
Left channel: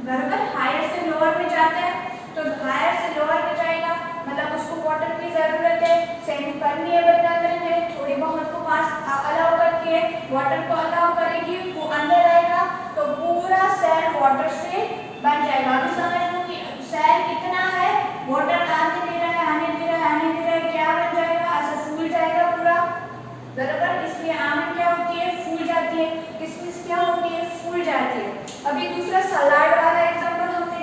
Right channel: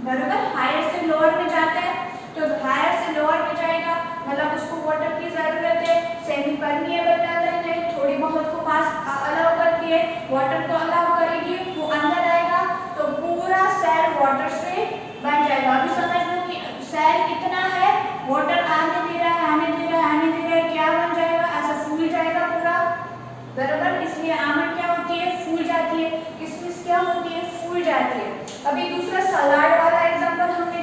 बराबर। हायर से लोअर में जाता है, तो हायर से लोअर में जाएगा मतलब उसको वाटर की जरूरत है, सेमी परमिएबल मेम्ब्रेन है, थोड़ी बहुत को पास अलाउ करके वाटर को अलाउ करेगी, वो अंदर आएगा तो पूरा सेल वाटर से बन जाएगा। अभी समझ लो कि सेल कितना है, वाटर आने दे रहा है, आने दे रहा है, आने दे रहा है, क्या बन जाएगा, ऐसा फूल जाएगा पूरा, बराबर। इसलिए आमंड क्या होती है, फूल जाती है, किशमिश क्या होती है, फूल जाती है। अभी दूसरा सलाड वाला एग्जांपल हमने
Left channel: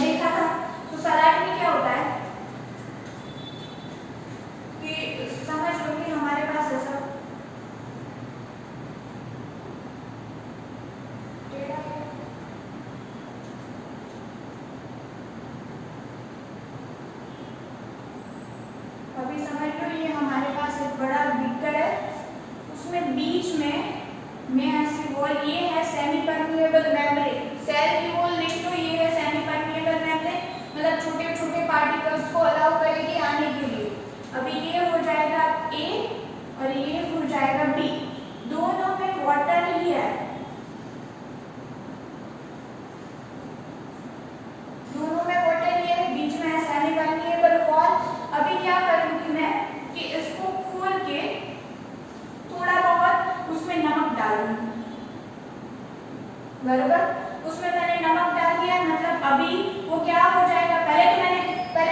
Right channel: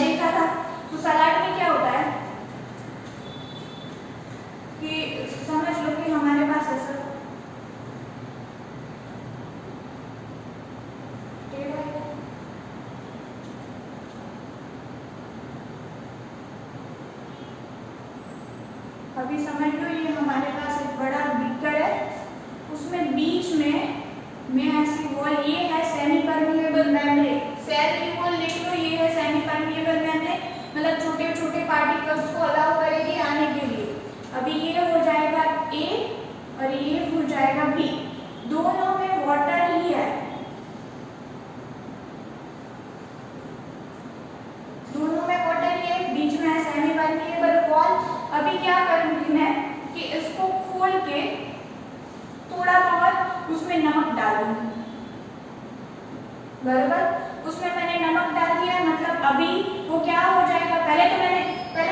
देखा था, तो सलाड में क्या होता है कि समझ लो कि हमारे पास ऐसा अभी समझ लो ये हमारे पास एक बड़ा बीकर है, उसमें बीच में ऐसी वॉल, ये है सेमी परमिएबल मेम्ब्रेन, सेल की वॉल लिख लो, ये है सेमी परमिएबल मेम्ब्रेन, मतलब छोटे छोटे पार्टिकल्स को अलाउ करेगी आने के लिए। अभी ये हो जाएगा ए और ये हो जाएगा बी, दोनों में वाटर ही है, दोनों में वाटर ही है, बीच में है सेमी परमिएबल वॉल। अभी क्या करूंगी मैं कि इसको खोल के थोड़ा बहुत उसमें नमक डालूंगी, बराबर। उसमें मैंने नमक डाल दिया, मतलब अभी वो क्या हो जाएगा, पहले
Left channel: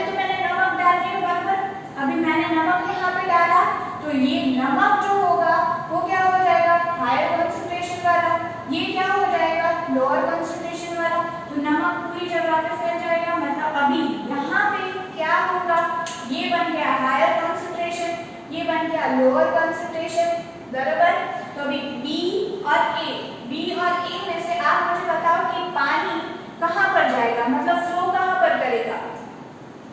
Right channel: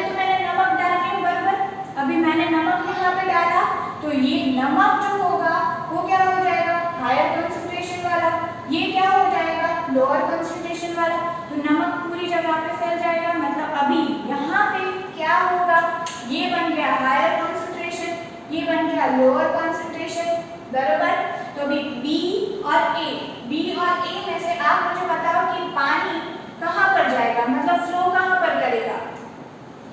तो मैंने नमक डाल दिया, बराबर। अभी मैंने नमक यहाँ पे डाला तो ये नमक जो होगा वो क्या हो जाएगा, हायर कंसंट्रेशन वाला, ये क्या हो जाएगा, लोअर कंसंट्रेशन वाला। तो नमक पूरी जगह पे फैल जाएगा, मतलब अभी यहाँ पे क्या होगा, ये बन गया हायर कंसंट्रेशन, ये बन गया लोअर कंसंट्रेशन, बराबर। तो अभी बी और ए में से आप मुझे बताओ कि पानी कहाँ पर जाएगा, मतलब फ्लो कहाँ पर करेगा,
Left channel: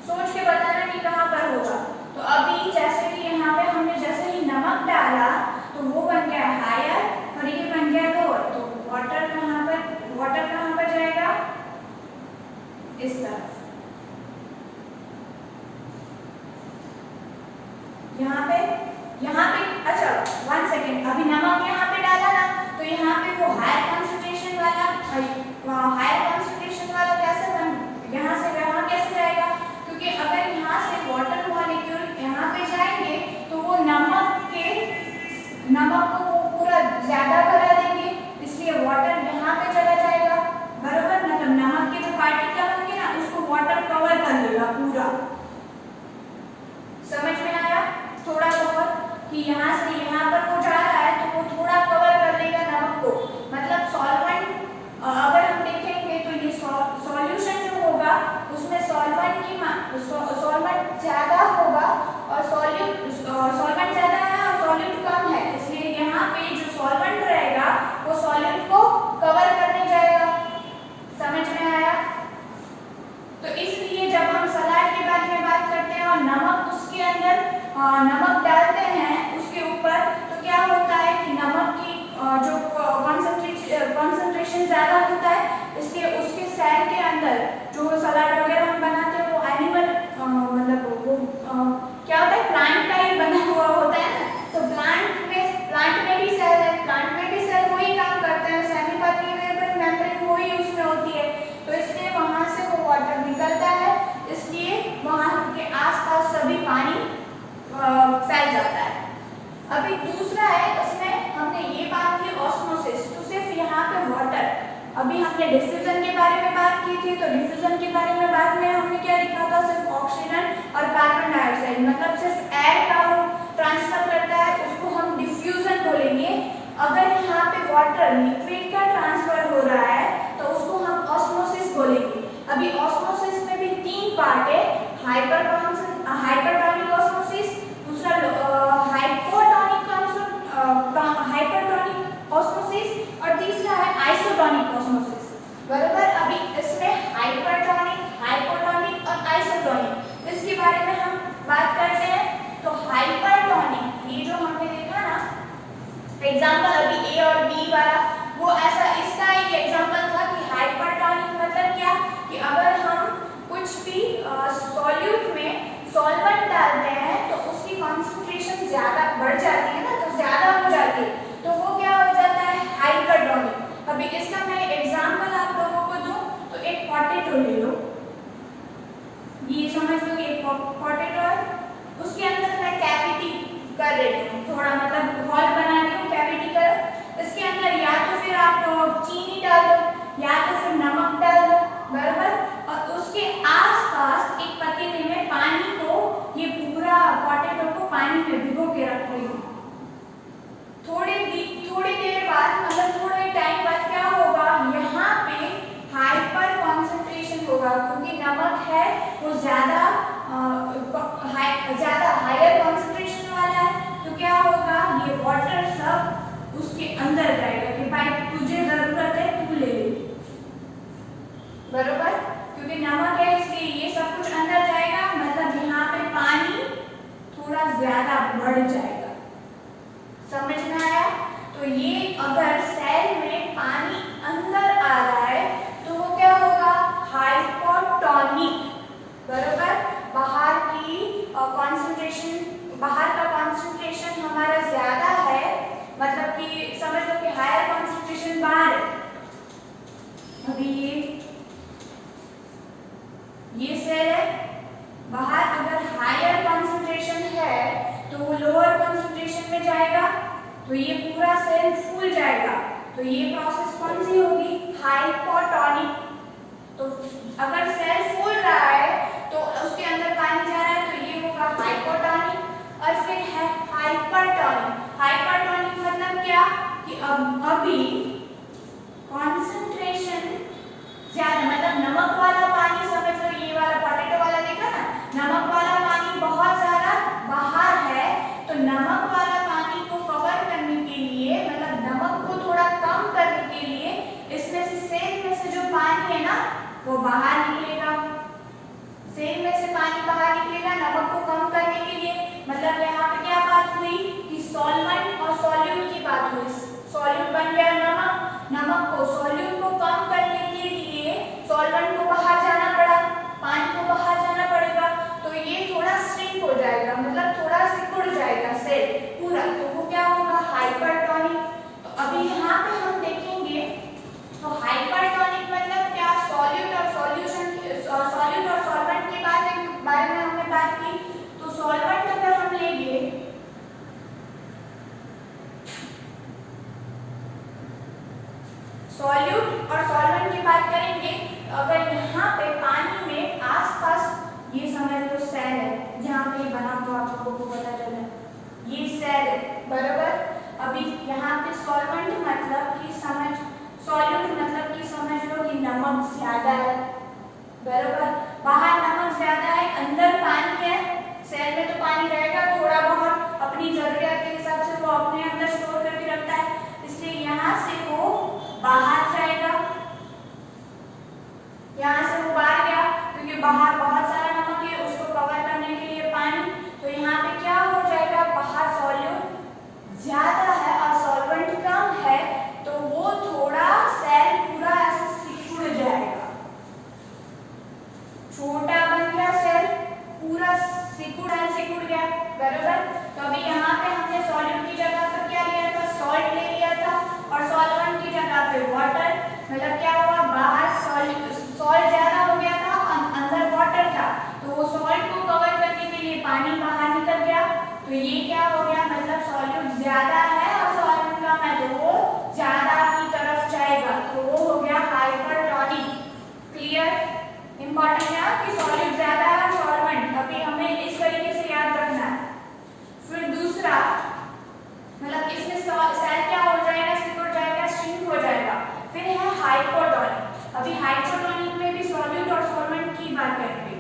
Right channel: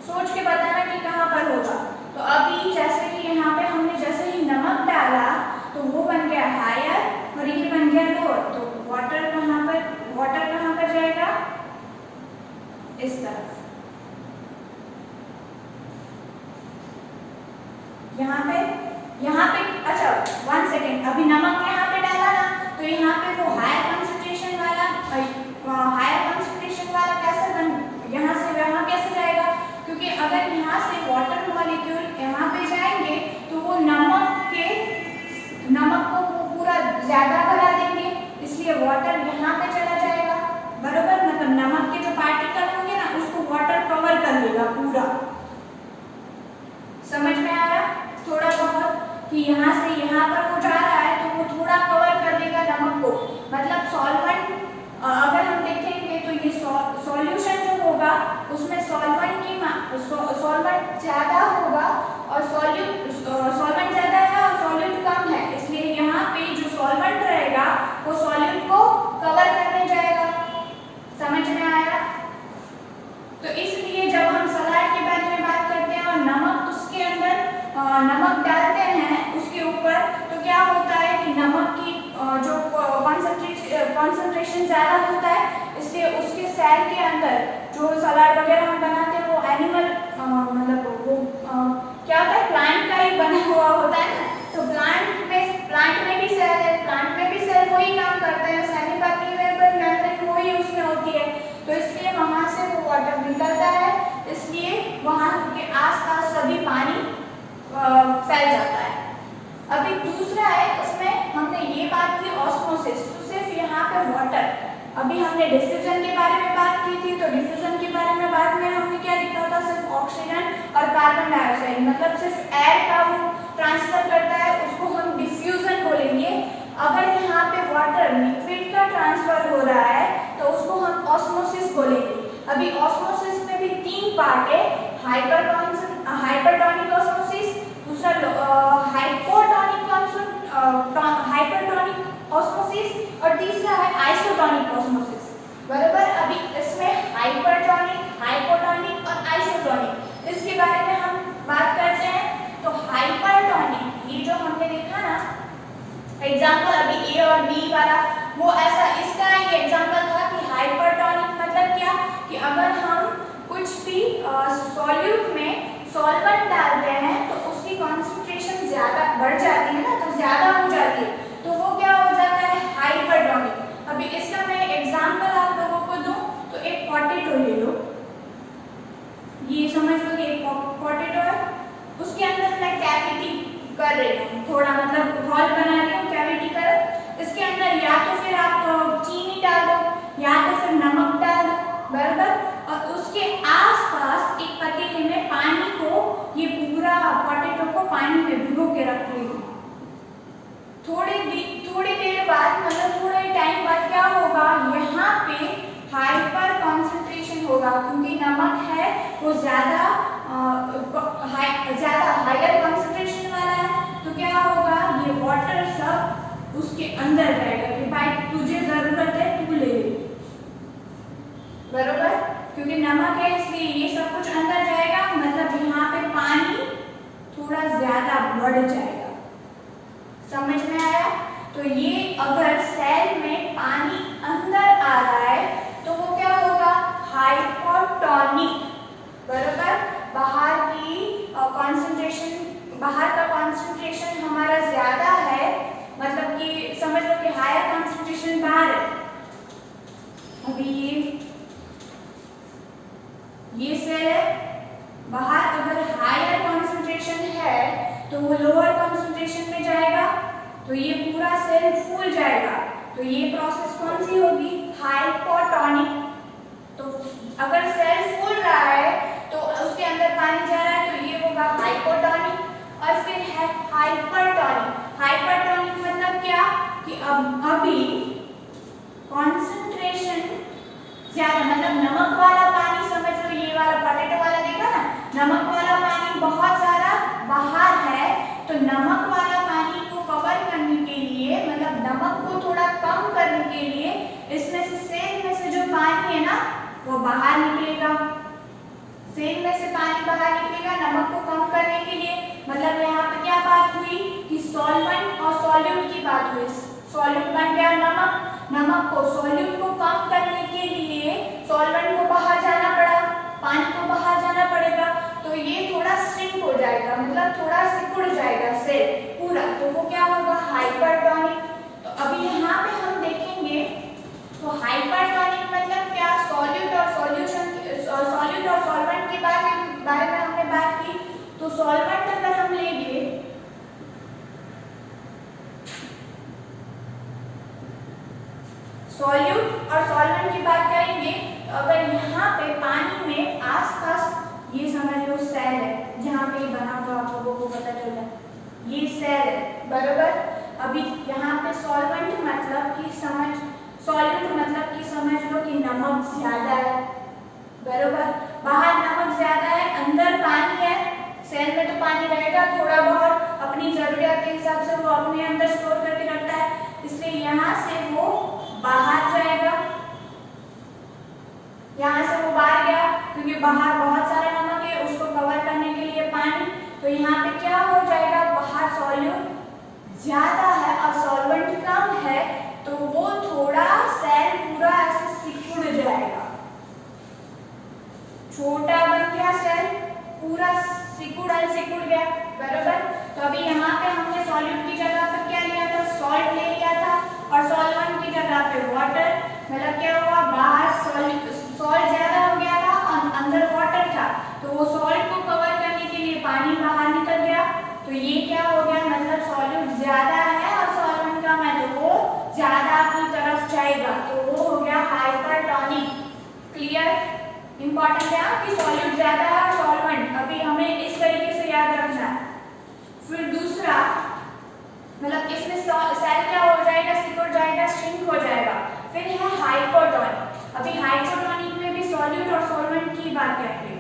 सोच के बताना कि कहाँ पर होगा। तो अभी जैसे कि यहाँ पे हमने जैसे ही नमक डाला तो वो बन गया हायर और ये बन गया लोअर, तो वाटर कहाँ पर जाएगा, इस तरफ। यहाँ पे अच्छा 1 सेकेंड, अभी नमक यहाँ पे डाला ना, तो यहाँ पे वो हायर कंसंट्रेशन वाला कैसे यहाँ से वहाँ कैसे जाएगा, क्योंकि अगर यहाँ से वाटर मॉलिक्यूल यहाँ पे जाएंगे तो वो नमक को वो पूरा ज्यादा बढ़ा देंगे, इसलिए वाटर यहाँ पे चला जाएगा, बराबर। मतलब नमक के जो पार्टिकल होंगे ना उसको वाटर कवर कर लेगा पूरा। समझ में आया थोड़ा बहुत कि यहाँ से यहाँ पर वो जा रहा है तो वो थोड़ा कवर कर देगा नमक को, मतलब सॉल्वेंट अगर हम देखेंगे तो ये सॉल्यूशन जो होगा उसमें सॉल्वेंट ज्यादा होगा और सॉल्वेंट ज्यादा है और सॉल्यूट कम है, इसलिए यहाँ पे जो सॉल्वेंट रहेगा वो सॉल्यूट को कवर करने जाएगा। समझ में आया? तो इसलिए जब हम सलाद के बारे में बात करते हैं और नमक उसके अंदर नमक डालते हैं उसके ऊपर, तो क्या होता है कि नमक की जो कंसंट्रेशन ज्यादा होता है, इसलिए उसके सेल के अंदर जो सलाद वगैरह हम बनाते हैं वो एनिमल मतलब वो क्या होता है, प्लांट का ही बना हुआ होता है ना, तो प्लांट में भी सेल है, प्लांट में भी सेल वही काम करते हैं, सेमी परमिएबल मेम्ब्रेन वही उसमें होती है, तो इसलिए वहां से फैल जाता है। अभी दूसरा है, उसमें हमने ये बात की ऑस्मोसिस, तो सिर्फ यहाँ पे वाटर, अभी हमने डिफ्यूजन के बारे में बात की थी, तो डिफ्यूजन के बारे में बाद में हमने क्या लिखा था, सिर्फ ऑक्सीजन और कार्बन डाइऑक्साइड, मतलब सिर्फ एयर का वो ट्रांसफर करता है, उसको हम डिफ्यूजन बोलेंगे। अगर यहाँ पे वाटर लिक्विड का ट्रांसफर हो रहा है तो उसको हम ऑस्मोसिस बोलेंगे। अभी ऑस्मोसिस में भी 3 पार्ट है, हाइपरटोनिक ऑस्मोसिस, दूसरा हाइपरटोनिक ऑस्मोसिस और तीसरा है आइसोटोनिक ऑस्मोसिस। बराबर, अभी इसमें हाइपरटोनिक, हाइपोटोनिक और आइसोटोनिक, इसके बारे में हम बात करते हैं। तो हाइपरटोनिक, ये जो हमने देखा ना एग्जांपल अभी ए और बी वाला, वो ऐसा इसका एक एग्जांपल था कि हाइपरटोनिक मतलब क्या, कि अगर हम कुछ भी सॉल्यूट में सॉल्वेंट डालते हैं तो उसकी कंसंट्रेशन ज्यादा बढ़ जाती है ना, तो ज्यादा हो जाती है, तो वो क्या हो जाता है, हाइपरटोनिक। अभी इसका मैं एग्जांपल आप लोगों को दूं तो एक पोटैटो ले लो, ये समझ लो एक पोटैटो है, उसके अंदर मैं कैविटी कर रही हूँ, थोड़ा मतलब हॉल बना रही हूँ, कैविटी कर, इसके अंदर या तो फिर आप चीनी डाल दो या तो फिर नमक डाल दो, बराबर, और उसके आसपास एक पतीले में पानी को, ये पूरा पोटैटो को पानी में भिगो के रख रही हूँ। थोड़ी देर बाद, मतलब थोड़े टाइम बाद क्या होगा, यहाँ पे हाइपर कॉन्सेंट्रेशन होगा, क्योंकि नमक है वो ज्यादा हायर कॉन्सेंट्रेशन वाला है, तो क्या होगा, ये वाटर सब उसके अंदर जाएगा कि भाई तुझे जरूरत है तू ले ले, बराबर, क्योंकि नमक है इसलिए ये सब कुछ अंदर जाएगा, मतलब यहाँ पे पानी थोड़ा ज्यादा बढ़ जाएगा। समझ में आया? तो ये अगर सेल में पानी अंदर आ रहा है तो वो क्या होगा, हाइपोटोनिक, बराबर, बाहर का कॉन्सेंट्रेशन हमारा ज्यादा है, मतलब कि समझ लो कि हायर कॉन्सेंट्रेशन बाहर है। अभी ये सेल है, बाहर अगर हायर कॉन्सेंट्रेशन है तो वो लोअर कॉन्सेंट्रेशन में जाएगा, तो ये पूरा सेल फूल जाएगा, तो ये प्रोसेस कौन सी होगी, हाइपोटोनिक। तो अगर सेल फूल रहा है तो उसके अंदर पानी जा रहा है, तो ये होगा हाइपोटोनिक। और फिर है हाइपरटोनिक। हाइपरटोनिक मतलब क्या, कि अभी कॉन्सेंट्रेशन ज्यादा, मतलब नमक वाला पानी, समझ लो ये वाला पोटैटो वाला देखा ना, नमक वाला पानी बहुत ज्यादा बाहर है, तो नमक वाला पानी को कवर करने के लिए, मतलब नमक को थोड़ा कम करने के लिए, इसमें से सेल में से जो पानी है ना वो बाहर निकलेगा, सेल में से पानी बाहर निकलेगा नमक को कम करने के लिए। मतलब यहाँ पे क्या बात हुई कि सॉल्वेंट और सॉल्यूट की बात हुई, सॉल्यूट बन गया नमक, नमक को सॉल्यूट को कम करने के लिए सॉल्वेंट को बाहर जाना पड़ा, पानी को बाहर जाना पड़ेगा, तो ये थोड़ा श्रिंक हो जाएगा, मतलब थोड़ा सिकुड़ जाएगा सेल पूरा, तो वो क्या होगा, हाइपरटोनिक। तो अभी यहाँ पे हम देखेंगे, तो हाइपरटोनिक मतलब क्या, सॉल्यूट और सॉल्वेंट के बारे में हमने बात की। तो सॉल्वेंट अगर हम लेंगे, सॉल्यूट और सॉल्वेंट की बात करेंगे, तो अगर यहाँ पे पानी में आसपास, ये समझ लो सेल है, जहाँ पे बना हुआ आप लोगों को पता चल रहा है, ये सेल है, बराबर। अभी यहाँ पे सॉल्वेंट मतलब कि सॉल्यूट मतलब कि समझ लो कि नमक ज्यादा है, बराबर, बाहर नमक ज्यादा है, अंदर पानी है, सेल में तो पानी रहेगा थोड़ा बहुत, अपनी जरूरत के हिसाब से वो अपने अंदर स्टोर करके रखता है, इसलिए यहाँ से वो बाहर जाएगा, यहाँ से वो बाहर गया, क्योंकि बाहर बहुत सारा नमक है, उसको कवर करने के लिए पानी, तो यहाँ पे क्या हो जाएगा, बाहर सॉल्यूट ज्यादा है और सॉल्वेंट कम है, तो वो थोड़ा सेल पूरा ऐसे सिकुड़ जाएगा, छोटा बन गया सेल, पूरा सिकुड़ गया, बराबर। तो अभी यहाँ पे हमने सॉल्यूट की जगह पर क्या लिया था, सॉल्ट ले लिया था, और सॉल्वेंट की जगह पे वाटर, मतलब क्या हुआ, बाहर सॉल्ट ज्यादा हो गया था, अंदर वाटर था, तो वो सॉल्ट को कवर करने के लिए पानी बाहर निकल गया, तो ये क्या हो गया, मतलब सॉल्यूट ज्यादा है और सॉल्वेंट कम है, तो वो ज्यादा की तरफ जाएगा, तो वो हो गया हाइपरटोनिक। क्लियर? इंपॉर्टेंट है कि सॉल्यूट ज्यादा है और सॉल्वेंट, अभी हमें इस तरीके से याद रखना है। फिर दूसरा, मतलब इसमें सेल क्या हो जाएगा, सिकुड़ जाएगा, श्रिंक हो जाएगा। फिर है हाइपोटोनिक। अभी हाइपोटोनिक में भी सॉल्यूट और सॉल्वेंट की बात करेंगे।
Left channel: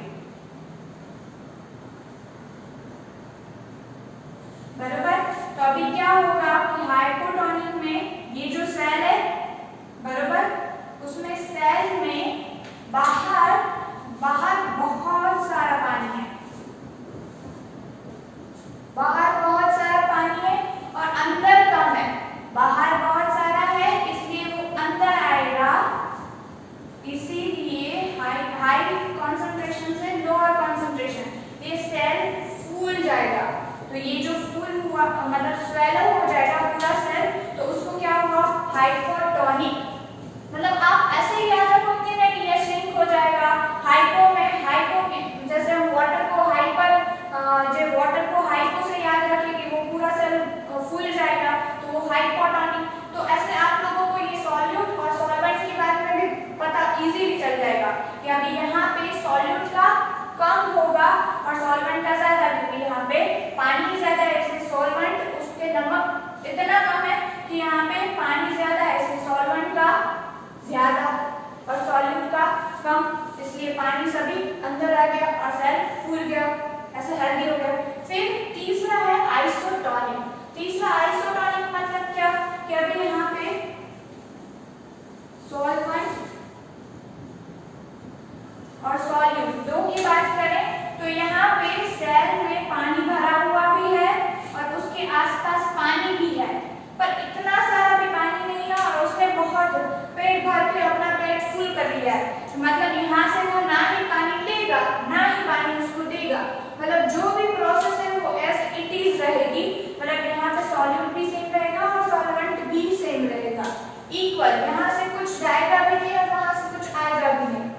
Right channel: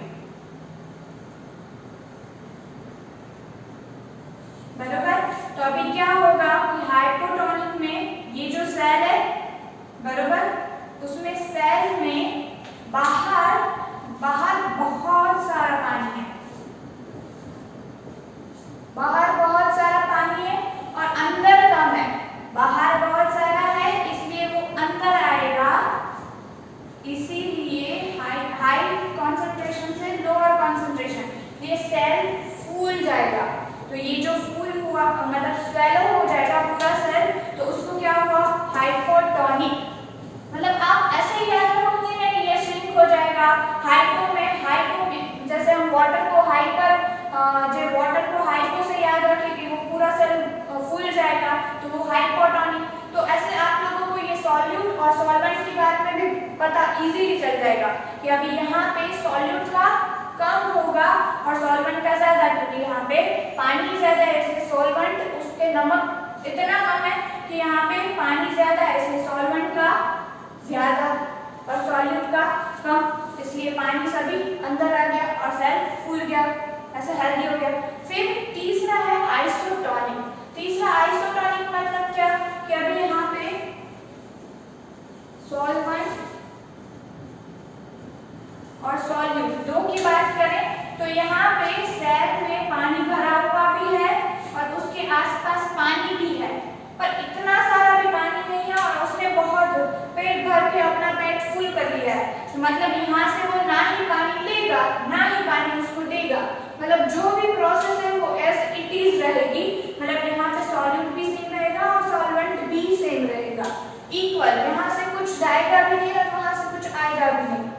बराबर? तो अभी क्या होगा कि हाइपोटोनिक में ये जो सेल है, बराबर, उसमें सेल में बाहर बहुत सारा पानी है, बाहर बहुत सारा पानी है और अंदर कम है। बाहर बहुत सारा है इसलिए वो अंदर आएगा, इसीलिए हाई कॉन्सेंट्रेशन से लोअर कॉन्सेंट्रेशन, ये सेल फूल जाएगा। तो ये जो फूल हुआ, मतलब स्वेलो हो जाएगा पूरा सेल, तो उसको क्या होगा, हाइपोटोनिक। मतलब आप ऐसे ही याद रखोगे ना कि ये श्रिंक हो जाएगा। हाइपो में, हाइपो जैसे हम वाटर को हाइपो से याद रखिए कि वो पूरा सेल फूल जाएगा, तो वो हाइपोटोनिक। तो ऐसे आप लोगों को ये सॉल्यूट और सॉल्वेंट के बारे में भी पता इजीली चल जाएगा कि अभी यहाँ पे सॉल्यूट का कम होगा और सॉल्वेंट का ज्यादा, क्योंकि यहाँ पे पानी ज्यादा है इसलिए सॉल्वेंट, उस पे नमक इतना कम है कि यहाँ पे पानी ज्यादा है इसलिए सॉल्वेंट का ज्यादा और सॉल्यूट का कम, इसलिए पानी सभी अंदर आ गया और सेल फूल गया, ऐसा हेल्दी हो गया। फिर तीसरा है आइसोटोनिक। तीसरा आइसोटोनिक मतलब क्या कि अभी यहाँ पे सॉल्वेंट और सॉल्यूट दो की बात करें तो यहाँ पे सेल में पानी भरा हुआ भी है और उसके आसपास पानी भी है, पर इतना सारा भी पानी नहीं है और उसने बहुत पेट भर के अपना पेट फुल कर लिया है। मतलब यहाँ से वो ना ही पानी लेगा ना ही पानी उसको देगा, मतलब जो भी प्रोसेस है वो एज इट इज रहेगी। मतलब यहाँ पे सॉल्यूट भी सेम रहेगा और सॉल्वेंट भी सेम रहेगा, इक्वल। यहाँ से कुछ जाएगा भी नहीं और वहां से कुछ आएगा भी नहीं।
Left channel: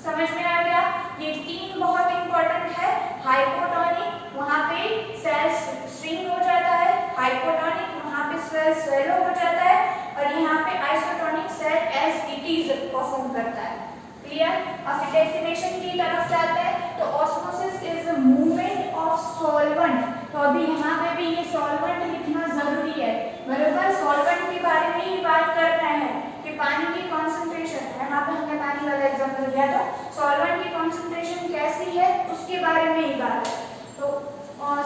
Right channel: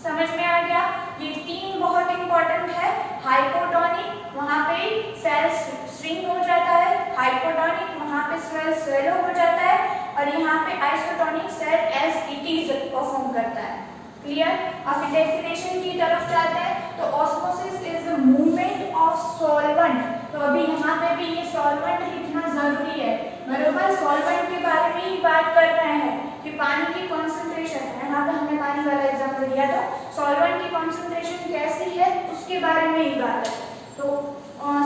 समझ में आ गया? ये तीन बहुत इंपॉर्टेंट है। हाइपोटोनिक वहां पे सेल श्रिंक हो जाता है, हाइपोटोनिक वहां पे सेल स्वेलो हो जाता है और यहाँ पे isotonic cell as it is perform करता है। क्लियर? अब फिर डेफिनेशन की तरफ जाते हैं तो osmosis is movement of solvent. तो अभी यहाँ पे भी ये सॉल्वेंट लिखना जरूरी है, बराबर। सॉल्वेंट के बारे में ही बात कर रहे हैं कि पानी की कॉन्सेंट्रेशन, यहाँ पे हमने पानी वाला एग्जाम्पल दिया था, सॉल्वेंट की कॉन्सेंट्रेशन कैसी है उसके बारे में ही बात है। तो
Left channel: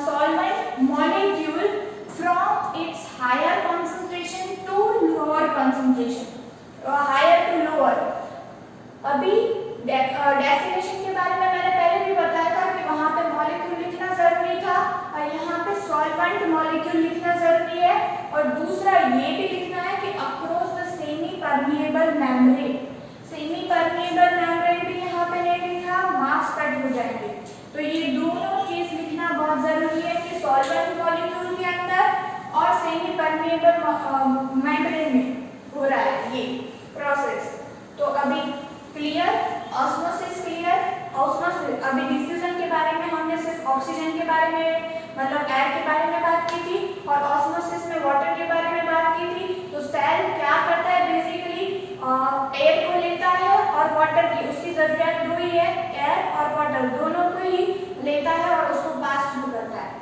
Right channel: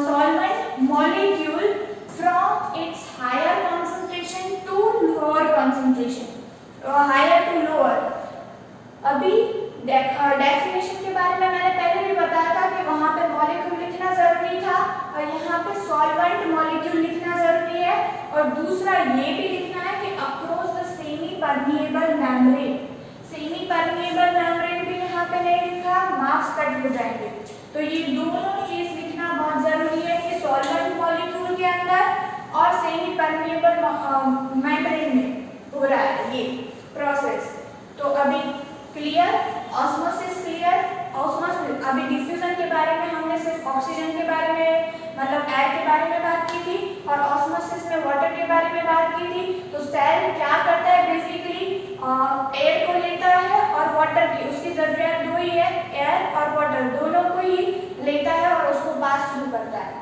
solvent molecule from its higher concentration to lower concentration, higher to lower. अभी डेफिनेशन के बारे में मैंने पहले भी बताया था कि वहां पे मॉलिक्यूल लिखना जरूरी था और यहाँ पे सॉल्वेंट मॉलिक्यूल लिखना जरूरी है। और दूसरा ये भी लिखना है कि across the semi permeable membrane. Semi permeable membrane भी यहाँ पे नहीं लिखा, मार्क्स कट हो जाएंगे। तो ये दोनों चीज लिखना बहुत जरूरी है कि सॉल्वेंट मॉलिक्यूल के अंदर और सेमी परमिएबल मेम्ब्रेन में हो रहा है ये प्रोसेस। तो अभी क्लियर? Osmosis clear? ऑस्मोसिस, अभी डिफ्यूजन के बारे में हमने सिर्फ ऑक्सीजन के बारे में, मतलब एयर के बारे में बात की थी और ऑस्मोसिस में वाटर के बारे में बात की थी। तो सेल क्या करता है, बेसिकली एयर को लेता है और वाटर की, उसकी जरूरत दो ही है, एयर और वाटर दोनों को ही लेता है और उसको पास थ्रू करता है।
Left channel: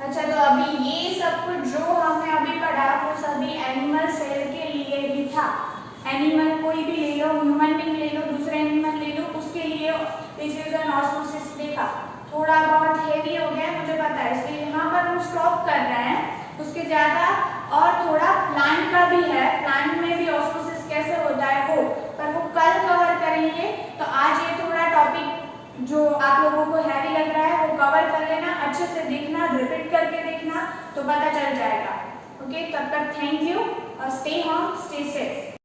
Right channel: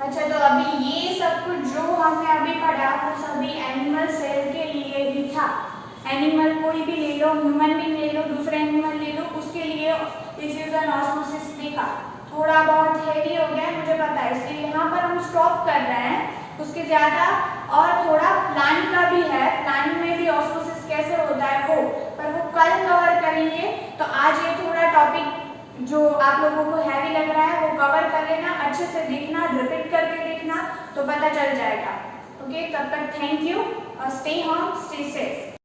अच्छा, तो अभी ये सब कुछ जो हमने अभी पढ़ा वो सभी एनिमल सेल के लिए ही था। एनिमल कोई भी ले लो, ह्यूमन बीइंग ले लो, दूसरे एनिमल ले लो, उसके लिए डिफ्यूजन ऑस्मोसिस देखा। थोड़ा बहुत हेवी हो गया है मुझे पता है, इसलिए यहाँ पर हम स्टॉप कर रहे हैं। उसके ज़्यादा और थोड़ा प्लांट का भी है, प्लांट में भी ऑस्मोसिस कैसे होता है वो, पर वो कल कवर करेंगे। तो आज ये थोड़ा टॉपिक जो आप लोगों को हैवी लग रहा है वो कवर कर लेना, अच्छे से देखना, रिपीट करके देखना तो पता चल जाएगा। ओके, तब तक थैंक यू और स्टे होम, स्टे सेफ।